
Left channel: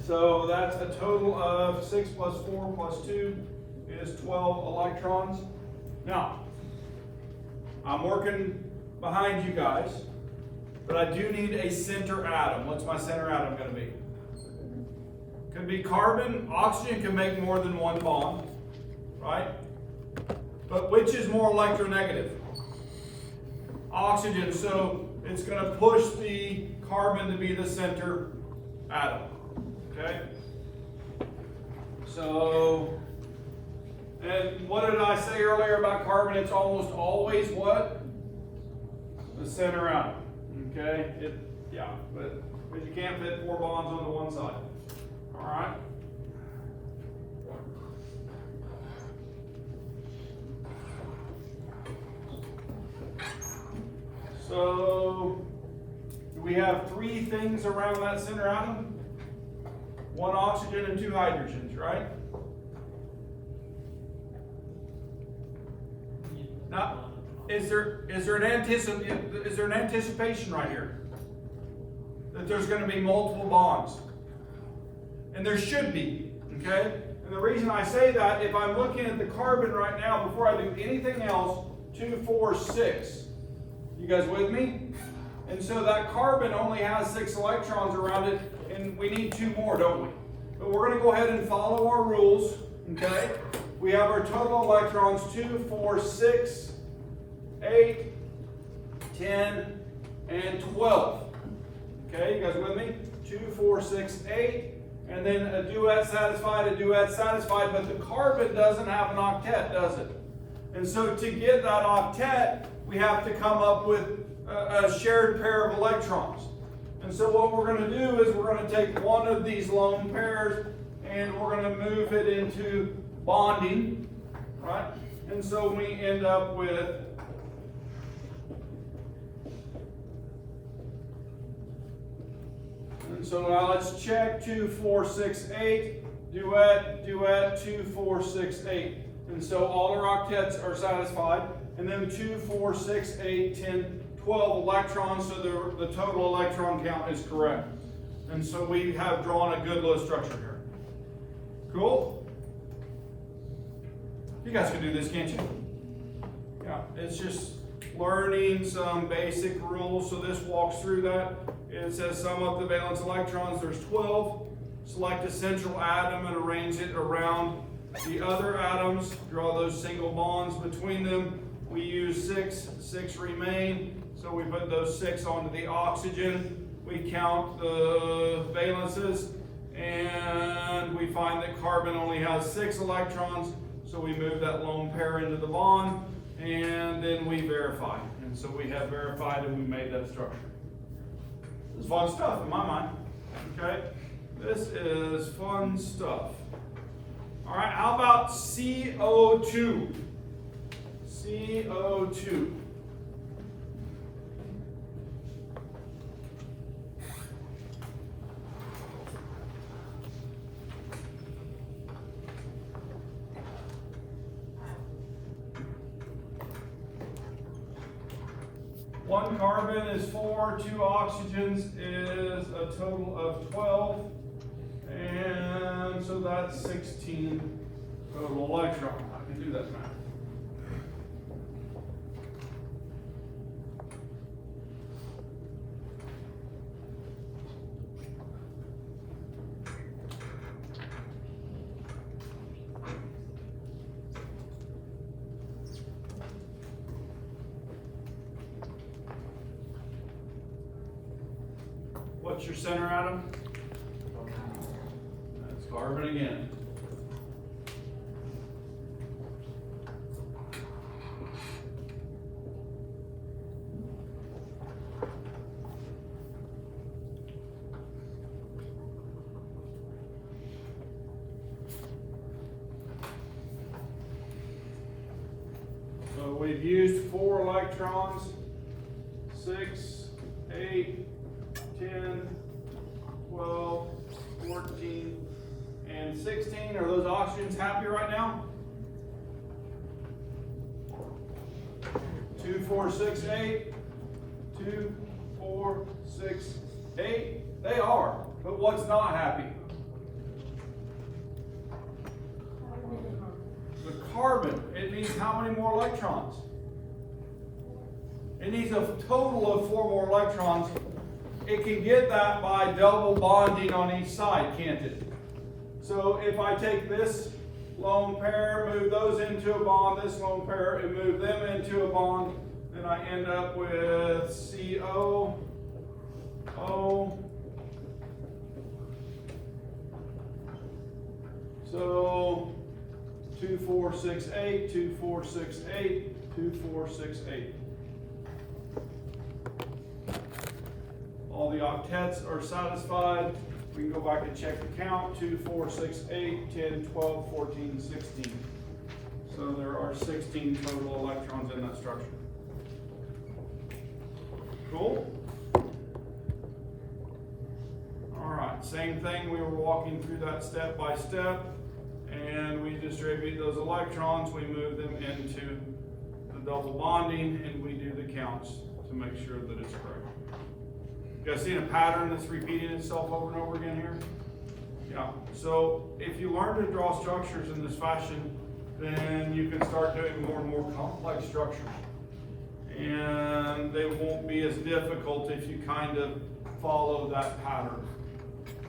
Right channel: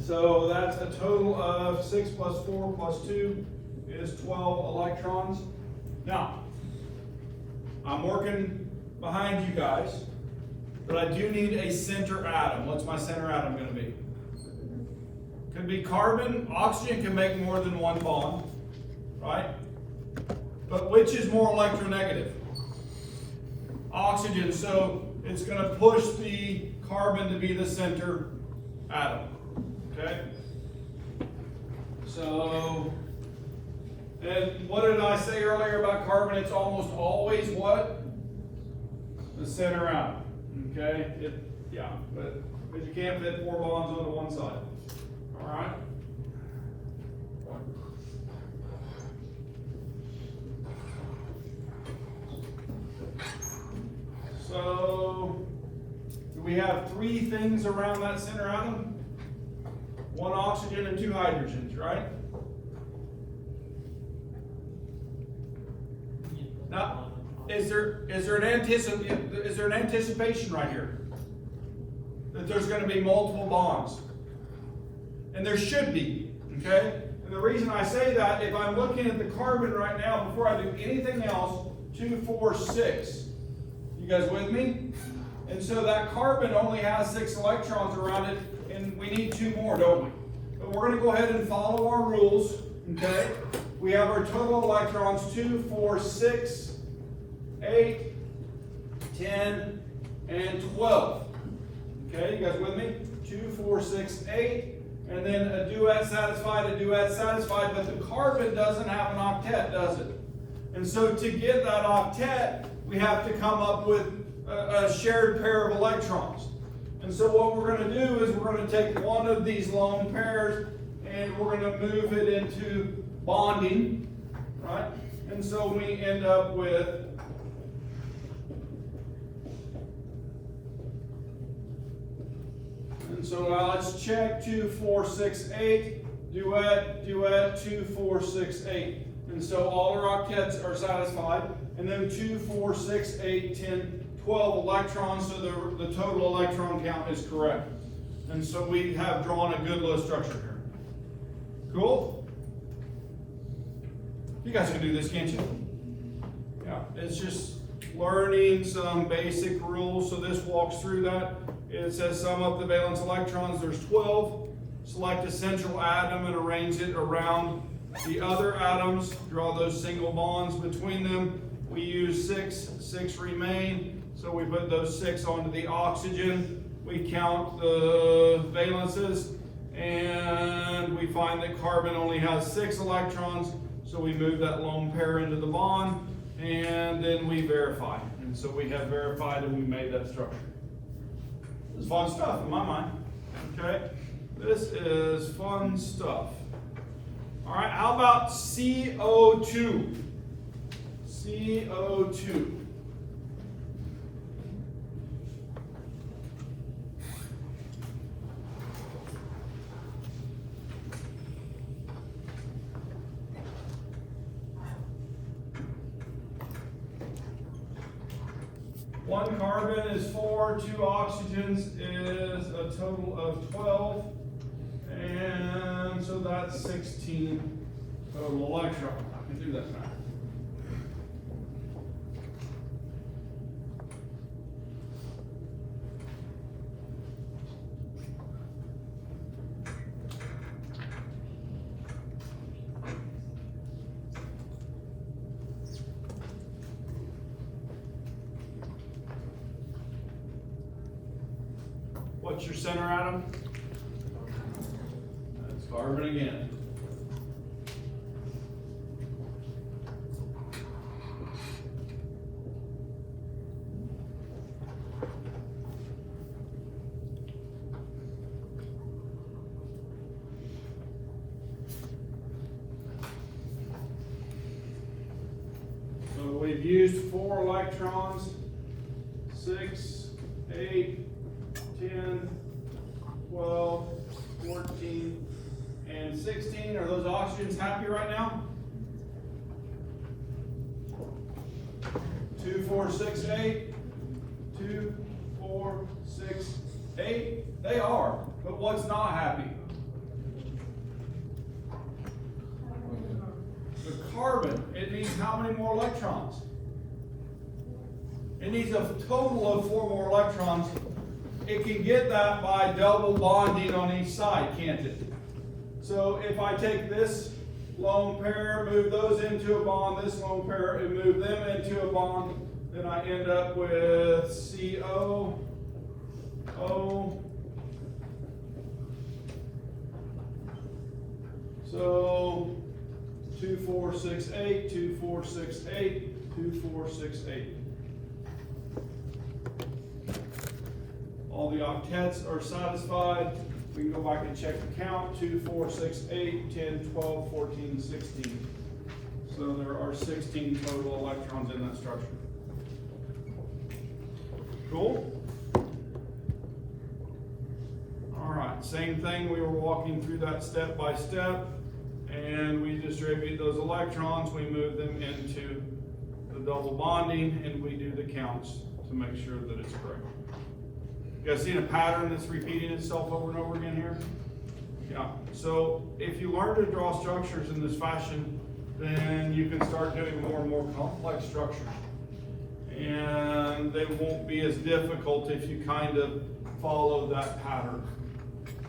So that's a total of 6 plus 4 plus 2 is 12 electrons. Now, I'm working behind you guys, but I do need a center atom. What's my center atom going to be? Could be carbon. Oxygen can make more than one bond, right? But which is more electronegative? Oxygen. So it's going to push the carbon to be the center atom. Okay? So, and what did I say earlier about carbon? It's almost always what? The center atom. Okay? Yeah, but you can't fit 4 bonds onto one side. Alright? So, we have 3 things around that center atom. 1 oxygen and 2 hydrogens, right? Now, is there an anticipation right here? That there's going to be multiple bonds. And there should be, okay? And the reason I say that, if I'm looking at the carbon right now, before I do anything else, 2, 4, 6. You guys with me? And so that carbon only has 6 electrons around it, and we need 2 more, don't we? But we're going to go ahead and follow our rules, okay? We have our total electrons, 2, 4, 6, 8, 10, and 12. Okay, you guys with me? 2, 4, 6, 8. And then a duet satisfied, but the carbon doesn't have an octet, does it? And so to get that octet, we have to come up with a shared pair of electrons. And so what we're going to do is we're going to take one of these lone pairs and we're going to move it into bonding, right? And so we end up with and so now let's check 2, 4, 6, 8, duet, 2, 4, 6, 8. And so all our octets are satisfied. And then 2, 4, 6, 8, 10, 12 electrons, so the total electron count is correct. And so we have drawn a good little structure here. Cool? You guys can do this, can't you? Yeah, it's just learning some basic rules. So this walks through that. It says sum up the valence electrons. There's 12. Select a central atom and arrange it around the other atoms. Draw those single bonds between them. We use 6. 6 remain. So we put those 6 onto the oxygen. We count the valences. And we find that carbon only has 6 electrons. So we move that lone pair into the bond. And then we verify. And so we have verified and we made that structure. It's fun stuff in my mind. Okay? This is fun stuff. All right, how about CO2? CO2. One carbon is 4, 2 oxygens is a total of 12, and so that's 16 total electrons. I can do that math. What's your center atom? That's carbon again. we've used 4 electrons, 6, 8, 10, 12, 14, and 16. Are those oxygens happy right now? 2, 4, 6, 8. 2, 4, 6, 8. They are. But what's not happy? The carbon. It needs how many more electrons? It needs a total of 4 more electrons. It can get that by double bonding on each side, can't it? So if I take this lone pair, move those into a bond, this lone pair, and move them into a bond, then I end up with CO, O. So 2, 4, 6, 8, 2, 4, 6, 8, 2, 4, 6, 8. All the octets are satisfied. We can go back and check the count. 2, 4, 6, 8, 10, 12, 14, 16. So there are 16 total electrons in that structure. Cool? All right, same thing. We were walking through that step by step, and we distribute those electrons. We move them into the double bonding, and we do the counts to make sure that it's correct. You guys seen a pattern that's repeating itself over and over again here? Yeah. So if you learn to draw structures in this fashion, then you can start doing more and more complex structures. And they won't be as difficult if you kind of follow that pattern.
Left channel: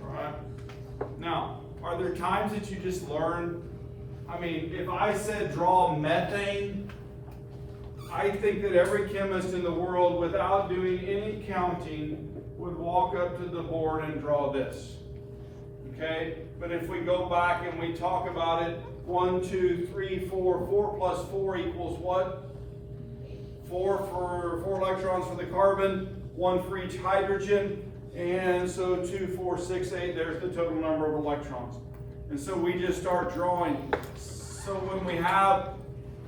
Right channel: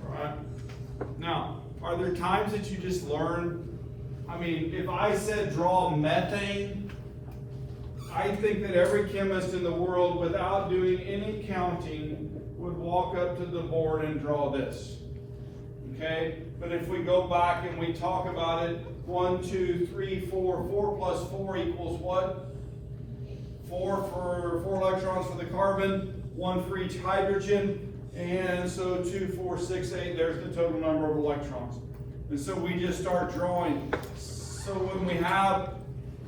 All right? Now, are there times that you just learn? I mean, if I said draw methane, I think that every chemist in the world, without doing any counting, would walk up to the board and draw this. Okay? But if we go back and we talk about it, 1, 2, 3, 4, 4 plus 4 equals what? 4 electrons for the carbon, 1 for each hydrogen, and so 2, 4, 6, 8, there's the total number of electrons. And so we just start drawing. So when we have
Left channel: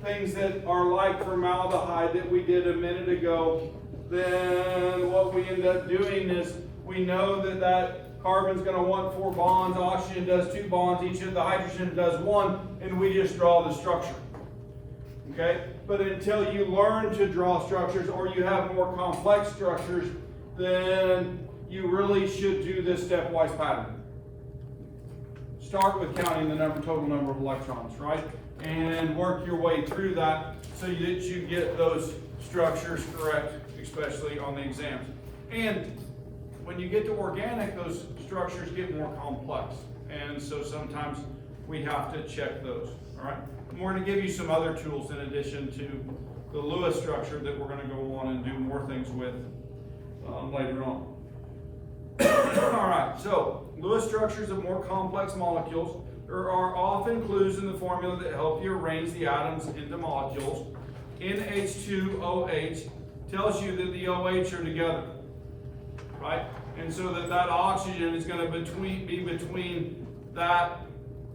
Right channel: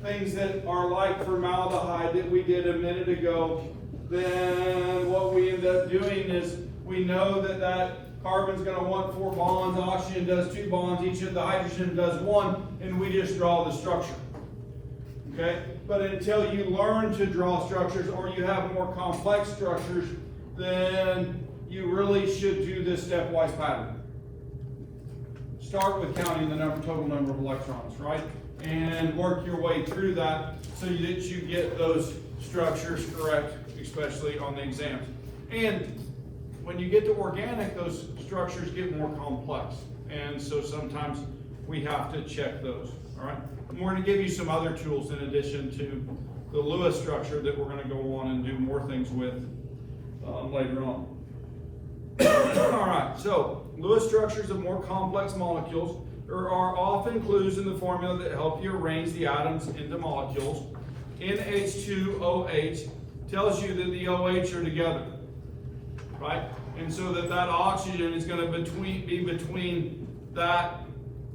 things that are like formaldehyde that we did a minute ago, then what we end up doing is we know that that carbon's going to want 4 bonds, oxygen does 2 bonds, each of the hydrogen does 1, and we just draw the structure. Okay? But until you learn to draw structures or you have more complex structures, then you really should do this stepwise pattern. Start with counting the total number of electrons, right? And work your way through that so that you get those structures correct, especially on the exams. And when you get to organic, those structures get more complex. And so sometimes we have to check those, all right? And we're going to give you some other tools in addition to the Lewis structure that we're going to go on and do more things with later on. All right, so Lewis structures of more complex molecules. There are often clues in the formula that help you arrange the atoms into molecules. NH2OH tells you that the OH are together, right? And so that oxygen is going to be between that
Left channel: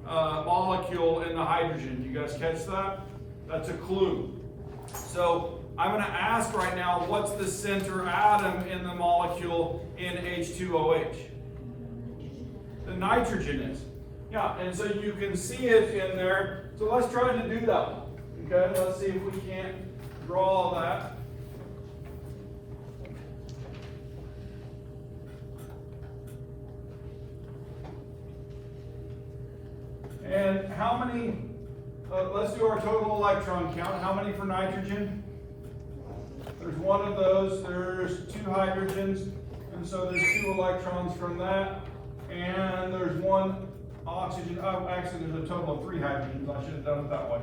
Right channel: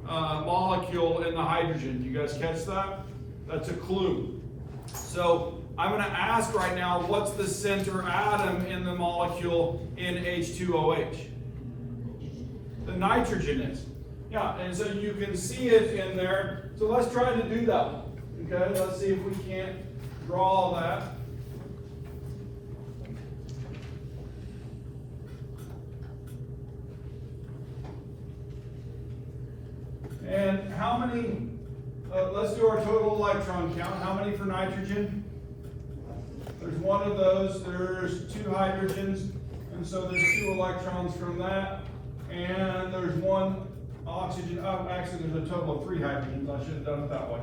molecule and the hydrogen. You guys catch that? That's a clue. So I'm going to ask right now, what's the center atom in the molecule NH2OH? The nitrogen is. Yeah, and so you can see it in there. So let's try to do that. Okay, let's see if we can't draw that. And how many, let's do our total electron count. How many for nitrogen? There's 1 of those, there's 2 hydrogens, and so there's 2 electrons from that. And there's 1 oxygen, actually there's a total of 3 hydrogens. I should have done it that way.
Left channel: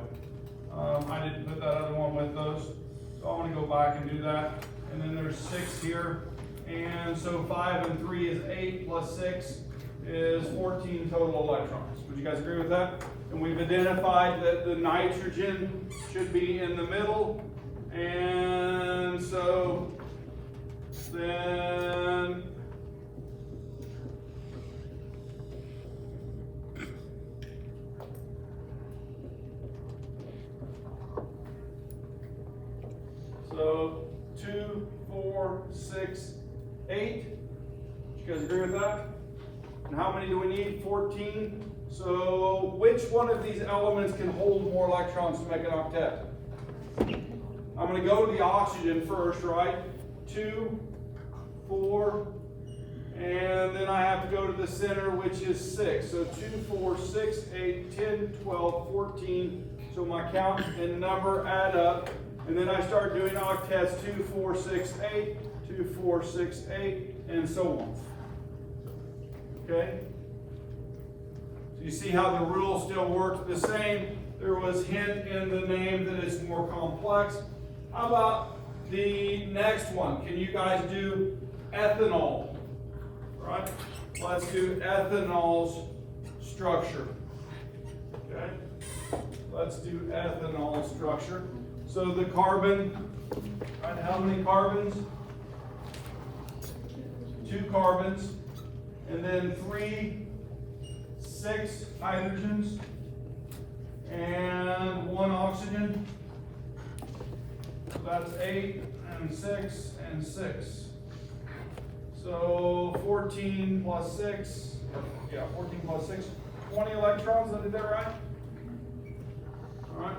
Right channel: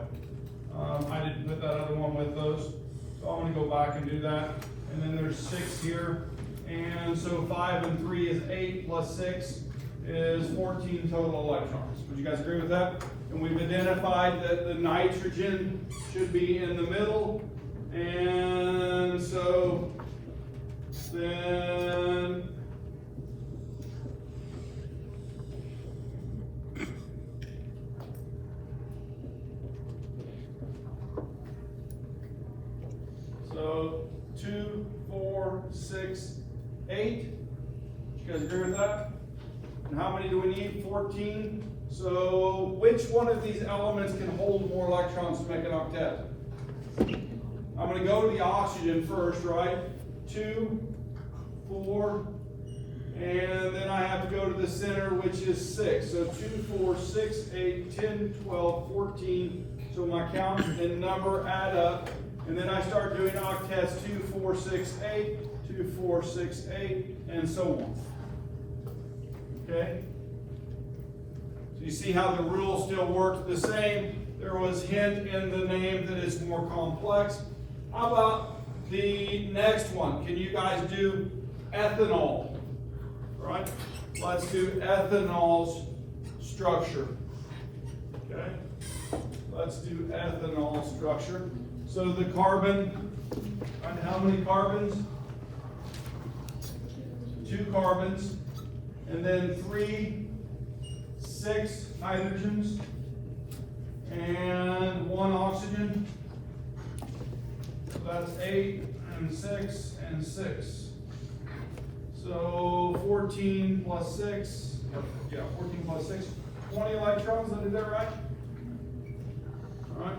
I didn't put that other one with those. So I want to go back and do that. And then there's 6 here. And so 5 and 3 is 8 plus 6 is 14 total electrons. Would you guys agree with that? And we've identified that the nitrogen should be in the middle. And so then guys agree with that? And how many do we need? 14. So which one of these elements can hold more electrons to make an octet? I'm going to go to the oxygen first, right? 2, 4, and then I have to go to the center, which is 6. So 2, 4, 6, 8, 10, 12, 14. So my count and number add up. And then I start doing octets, 2, 4, 6, 8, 2, 4, 6, 8, and so on. Okay? So you see how the rule still works the same. There was hint in the name that is more complex. How about the next one? Can you guys do ethanol? Right? Let's do ethanol's structure. Okay? Let's do ethanol structure. So the carbon, right, how many carbons? 2 carbons, and then 3, 6 hydrogens, and 1 oxygen. So that's 8 and 6 and 6. So 14 plus 6, 14 plus 6, 20 electrons, is that right? All right.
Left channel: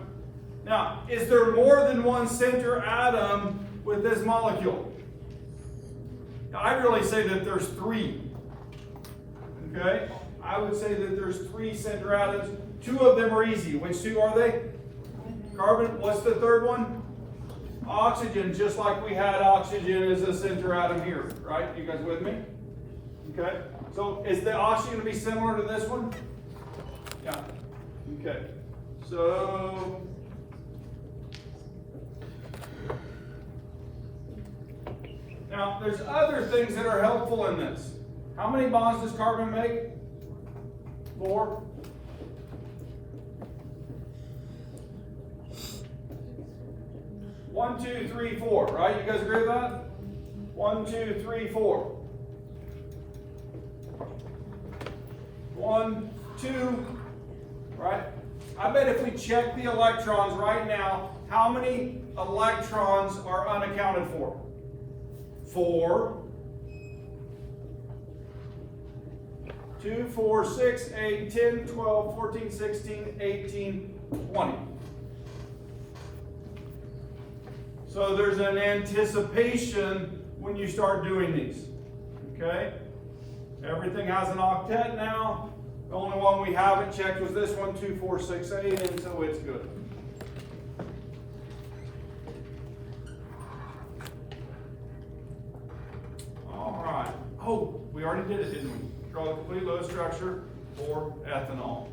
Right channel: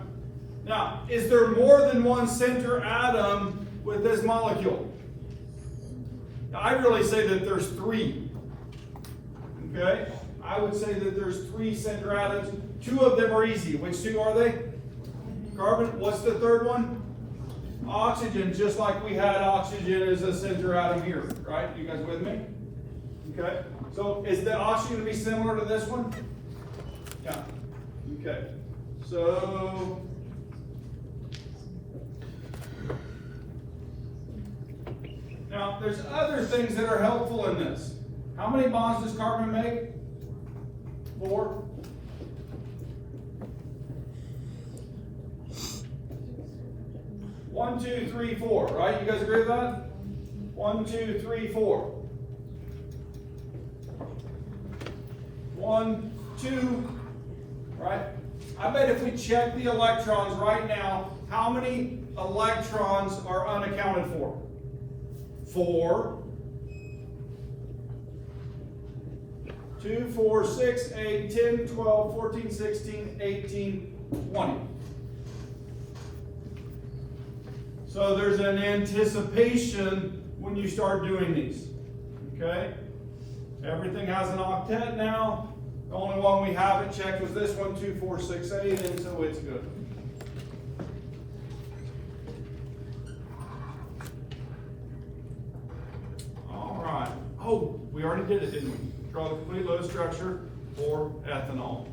Now, is there more than one center atom with this molecule? I'd really say that there's 3. Okay? I would say that there's 3 center atoms. 2 of them are easy. Which 2 are they? Carbon. What's the third one? Oxygen, just like we had oxygen as a center atom here. Right? You guys with me? Okay? So, is the oxygen going to be similar to this one? Yeah. Okay. So, now, there's other things that are helpful in this. How many bonds does carbon make? 4. One, 2, 3, 4. Right? You guys agree with that? 1, 2, 3, 4. 1, 2. Right? I bet if we check the electrons right now, how many electrons are unaccounted for? 4, 2, 4, 6, 8, 10, 12, 14, 16, 18, 20. So there's an anticipation when you start doing these. Okay? Everything has an octet now. The only one we haven't checked was this one, 2, 4, 6, 8, and so it's good. Oh, we already did it, didn't we? Draw the complete Lewis structure for ethanol.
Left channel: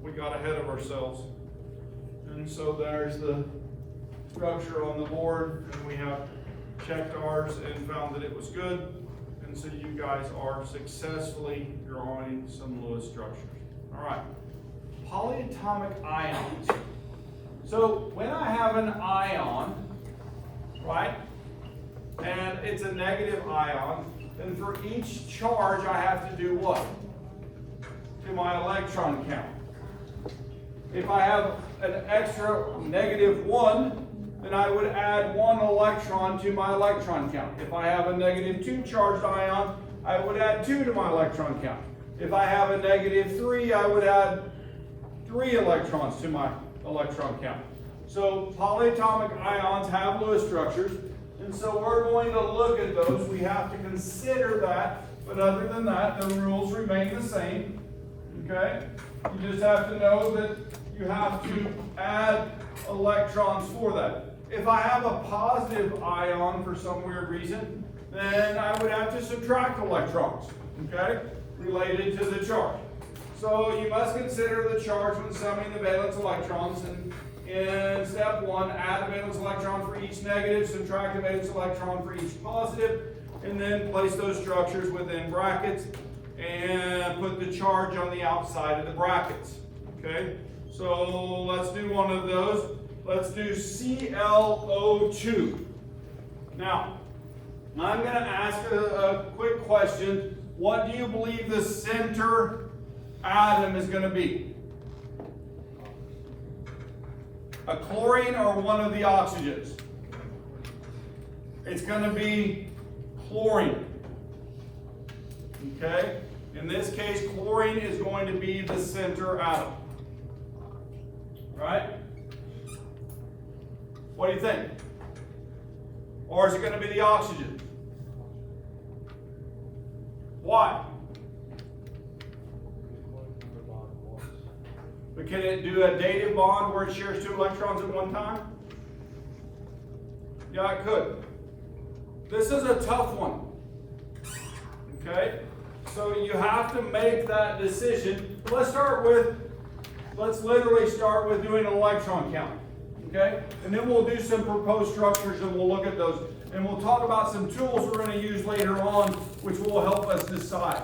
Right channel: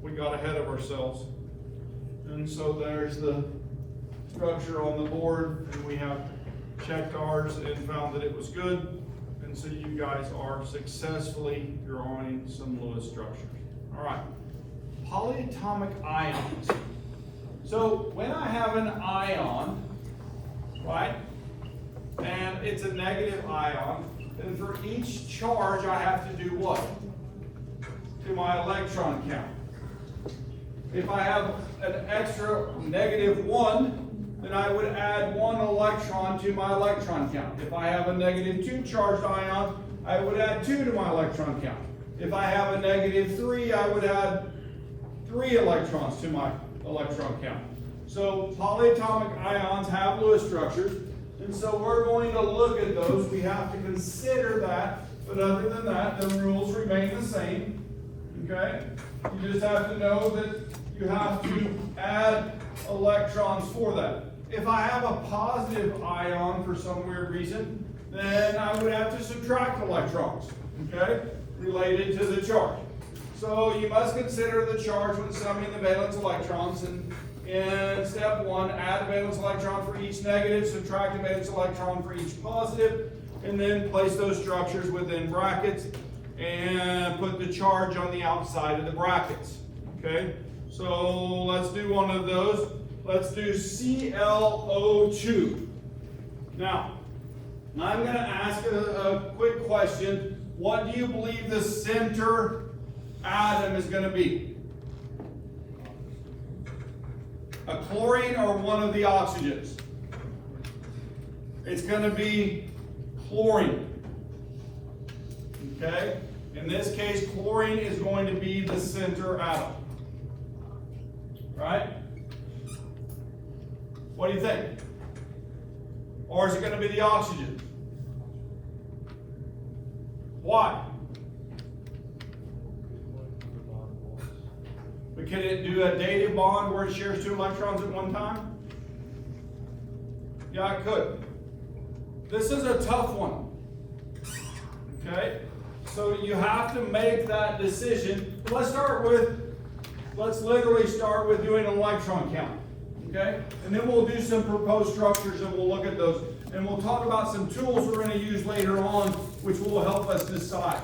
We got ahead of ourselves. And so there's the structure on the board, and we have checked ours and found that it was good. And so you guys are successfully drawing some Lewis structures. All right, polyatomic ions. So when I have an ion, right? And it's a negative ion, then for each charge I have to do what? To my electron count. If I have an extra -1, then I would add 1 electron to my electron count. If I have a -2 charged ion, I would add 2 to my electron count. If I have a -3, I would add 3 electrons to my electron count. So polyatomic ions have Lewis structures. And so we're going to look at those. We have to consider that, but other than that, the rules remain the same. Okay? You just have to know that you have to add electrons for that. If I have a positive ion for some weird reason, then I would have to subtract electrons, okay, related to the charge. So you must consider the charge when summing the valence electrons. And in step 1, add a valence electron for each negative, subtract a valence electron for each positive, and then place those structures within brackets and put the charge on the outside of the brackets. Okay, so let's do one of those. Let's do ClO2. Now, I'm going to ask a quick question. What do you believe the center atom is going to be? A chlorine or one of the oxygens? It's going to be chlorine. Okay? In this case, chlorine is going to be the center atom. Right? What do you think? Or is it going to be the oxygen? Why? But can it do a dative bond where it shares 2 electrons at one time? Yeah, it could. This is a tough one. Okay? So you have to make that decision. But let's literally start with doing an electron count. Okay? And then we'll do some proposed structures and we'll look at those. And we'll talk about some tools we're going to use later on, which will help us decide.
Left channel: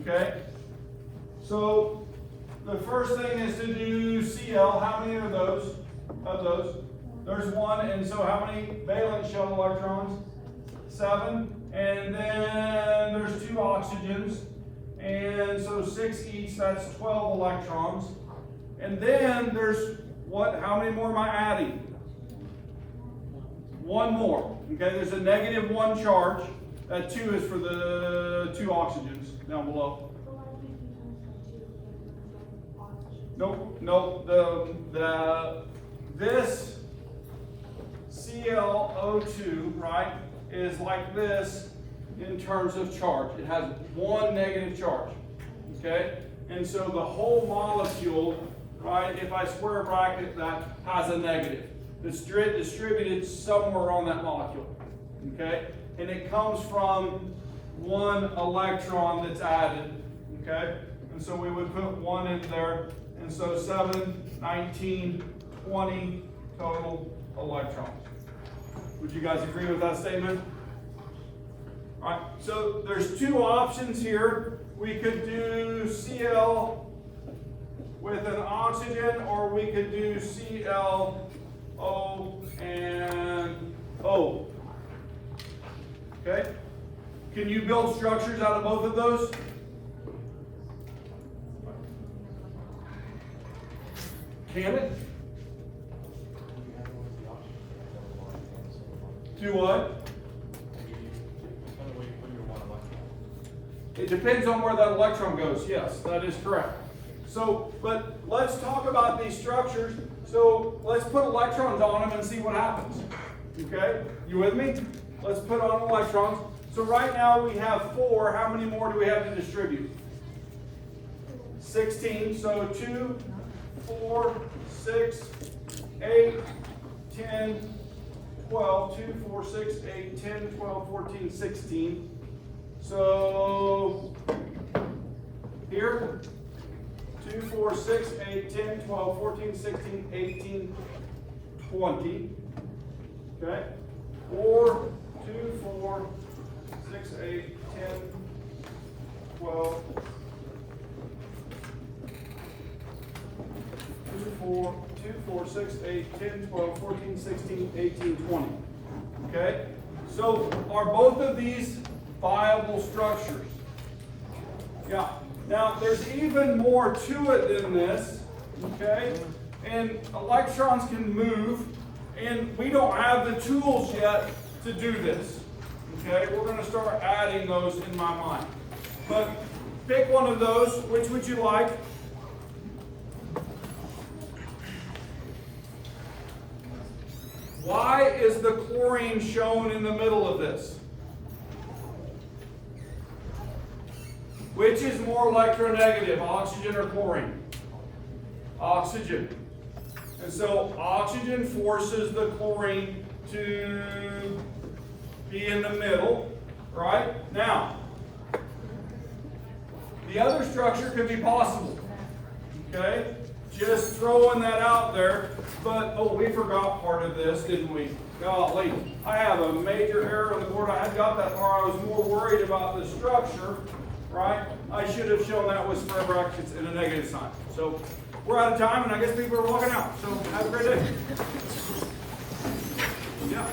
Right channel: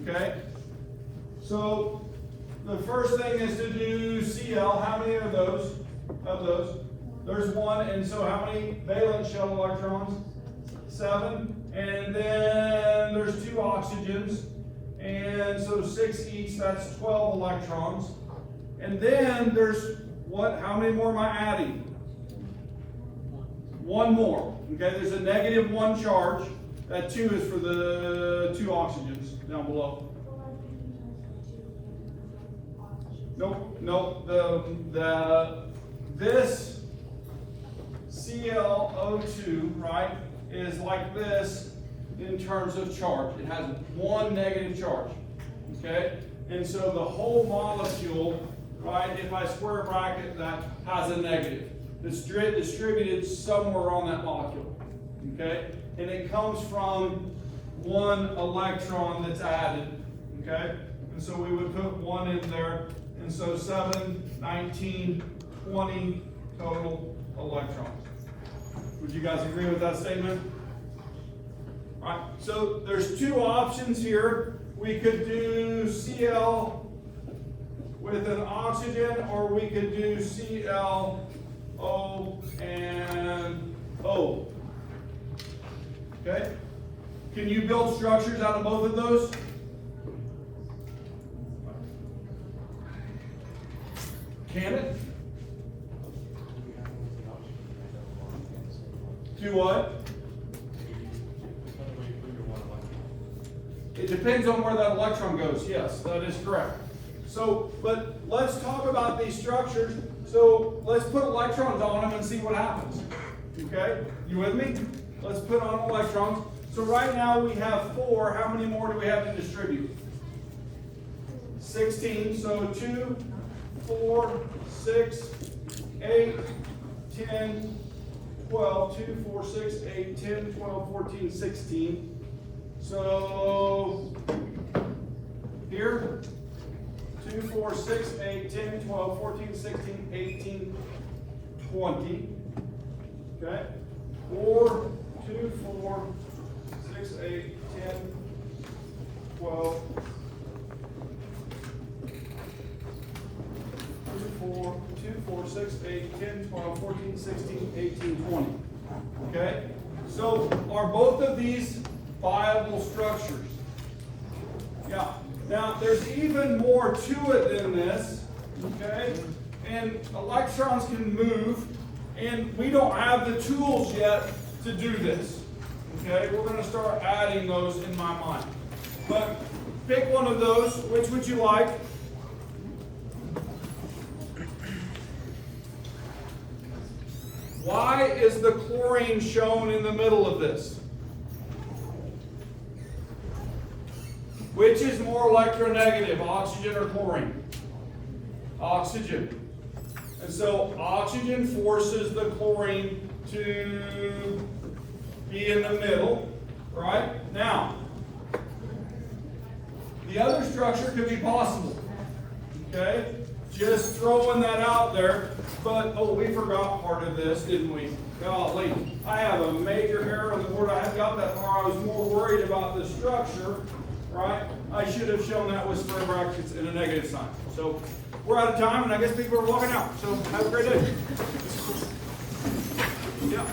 Okay? So the first thing is to do Cl. How many are those? Of those? There's 1. And so how many valence shell electrons? 7. And then there's 2 oxygens. And so 6 each, that's 12 electrons. And then there's what? How many more am I adding? 1 more. Okay, there's a -1 charge. That 2 is for the 2 oxygens down below. Nope. This ClO2, right, is like this in terms of charge. It has 1 negative charge. Okay? And so the whole molecule, right, if I square bracket that, has a negative. It's distributed somewhere on that molecule. Okay? And it comes from 1 electron that's added. Okay? And so we would put 1 in there. And so 7, 19, 20 total electrons. Would you guys agree with that statement? All right, so there's 2 options here. We could do Cl with an oxygen, or we could do ClO and O. Okay? Can you build structures out of both of those? Can it? Do what? It depends on where that electron goes. Yes, that is correct. So, but let's talk about these structures. So let's put electrons on them and see what happens. Okay? You with me? Let's put on electrons. So right now we have 4. How many more do we have to distribute? 16. So 2, 4, 6, 8, 10, 12, 2, 4, 6, 8, 10, 12, 14, 16. So here, 2, 4, 6, 8, 10, 12, 14, 16, 18, 20. Okay? 4, 2, 4, 6, 8, 10, 12, 2, 4, 6, 8, 10, 12, 14, 16, 18, 20. Okay? So are both of these viable structures? Yeah. Now there's even more to it than this. Okay? And electrons can move, and we don't have the tools yet to do this. Okay? We're going to start adding those in my mind. But pick one of those. Which would you like? Why is the chlorine shown in the middle of this? Which is more electronegative, oxygen or chlorine? Oxygen. And so oxygen forces the chlorine to be in the middle, right? Now, the other structure could be possible, okay? Just throwing that out there. But, oh, we forgot part of this, didn't we? Golly, I have a major error on the board. I had got that far. I was more worried about the structure, right? I should have shown that with square brackets and a negative sign. So we're out of time, and I guess people are walking out. So have a great day. Yeah.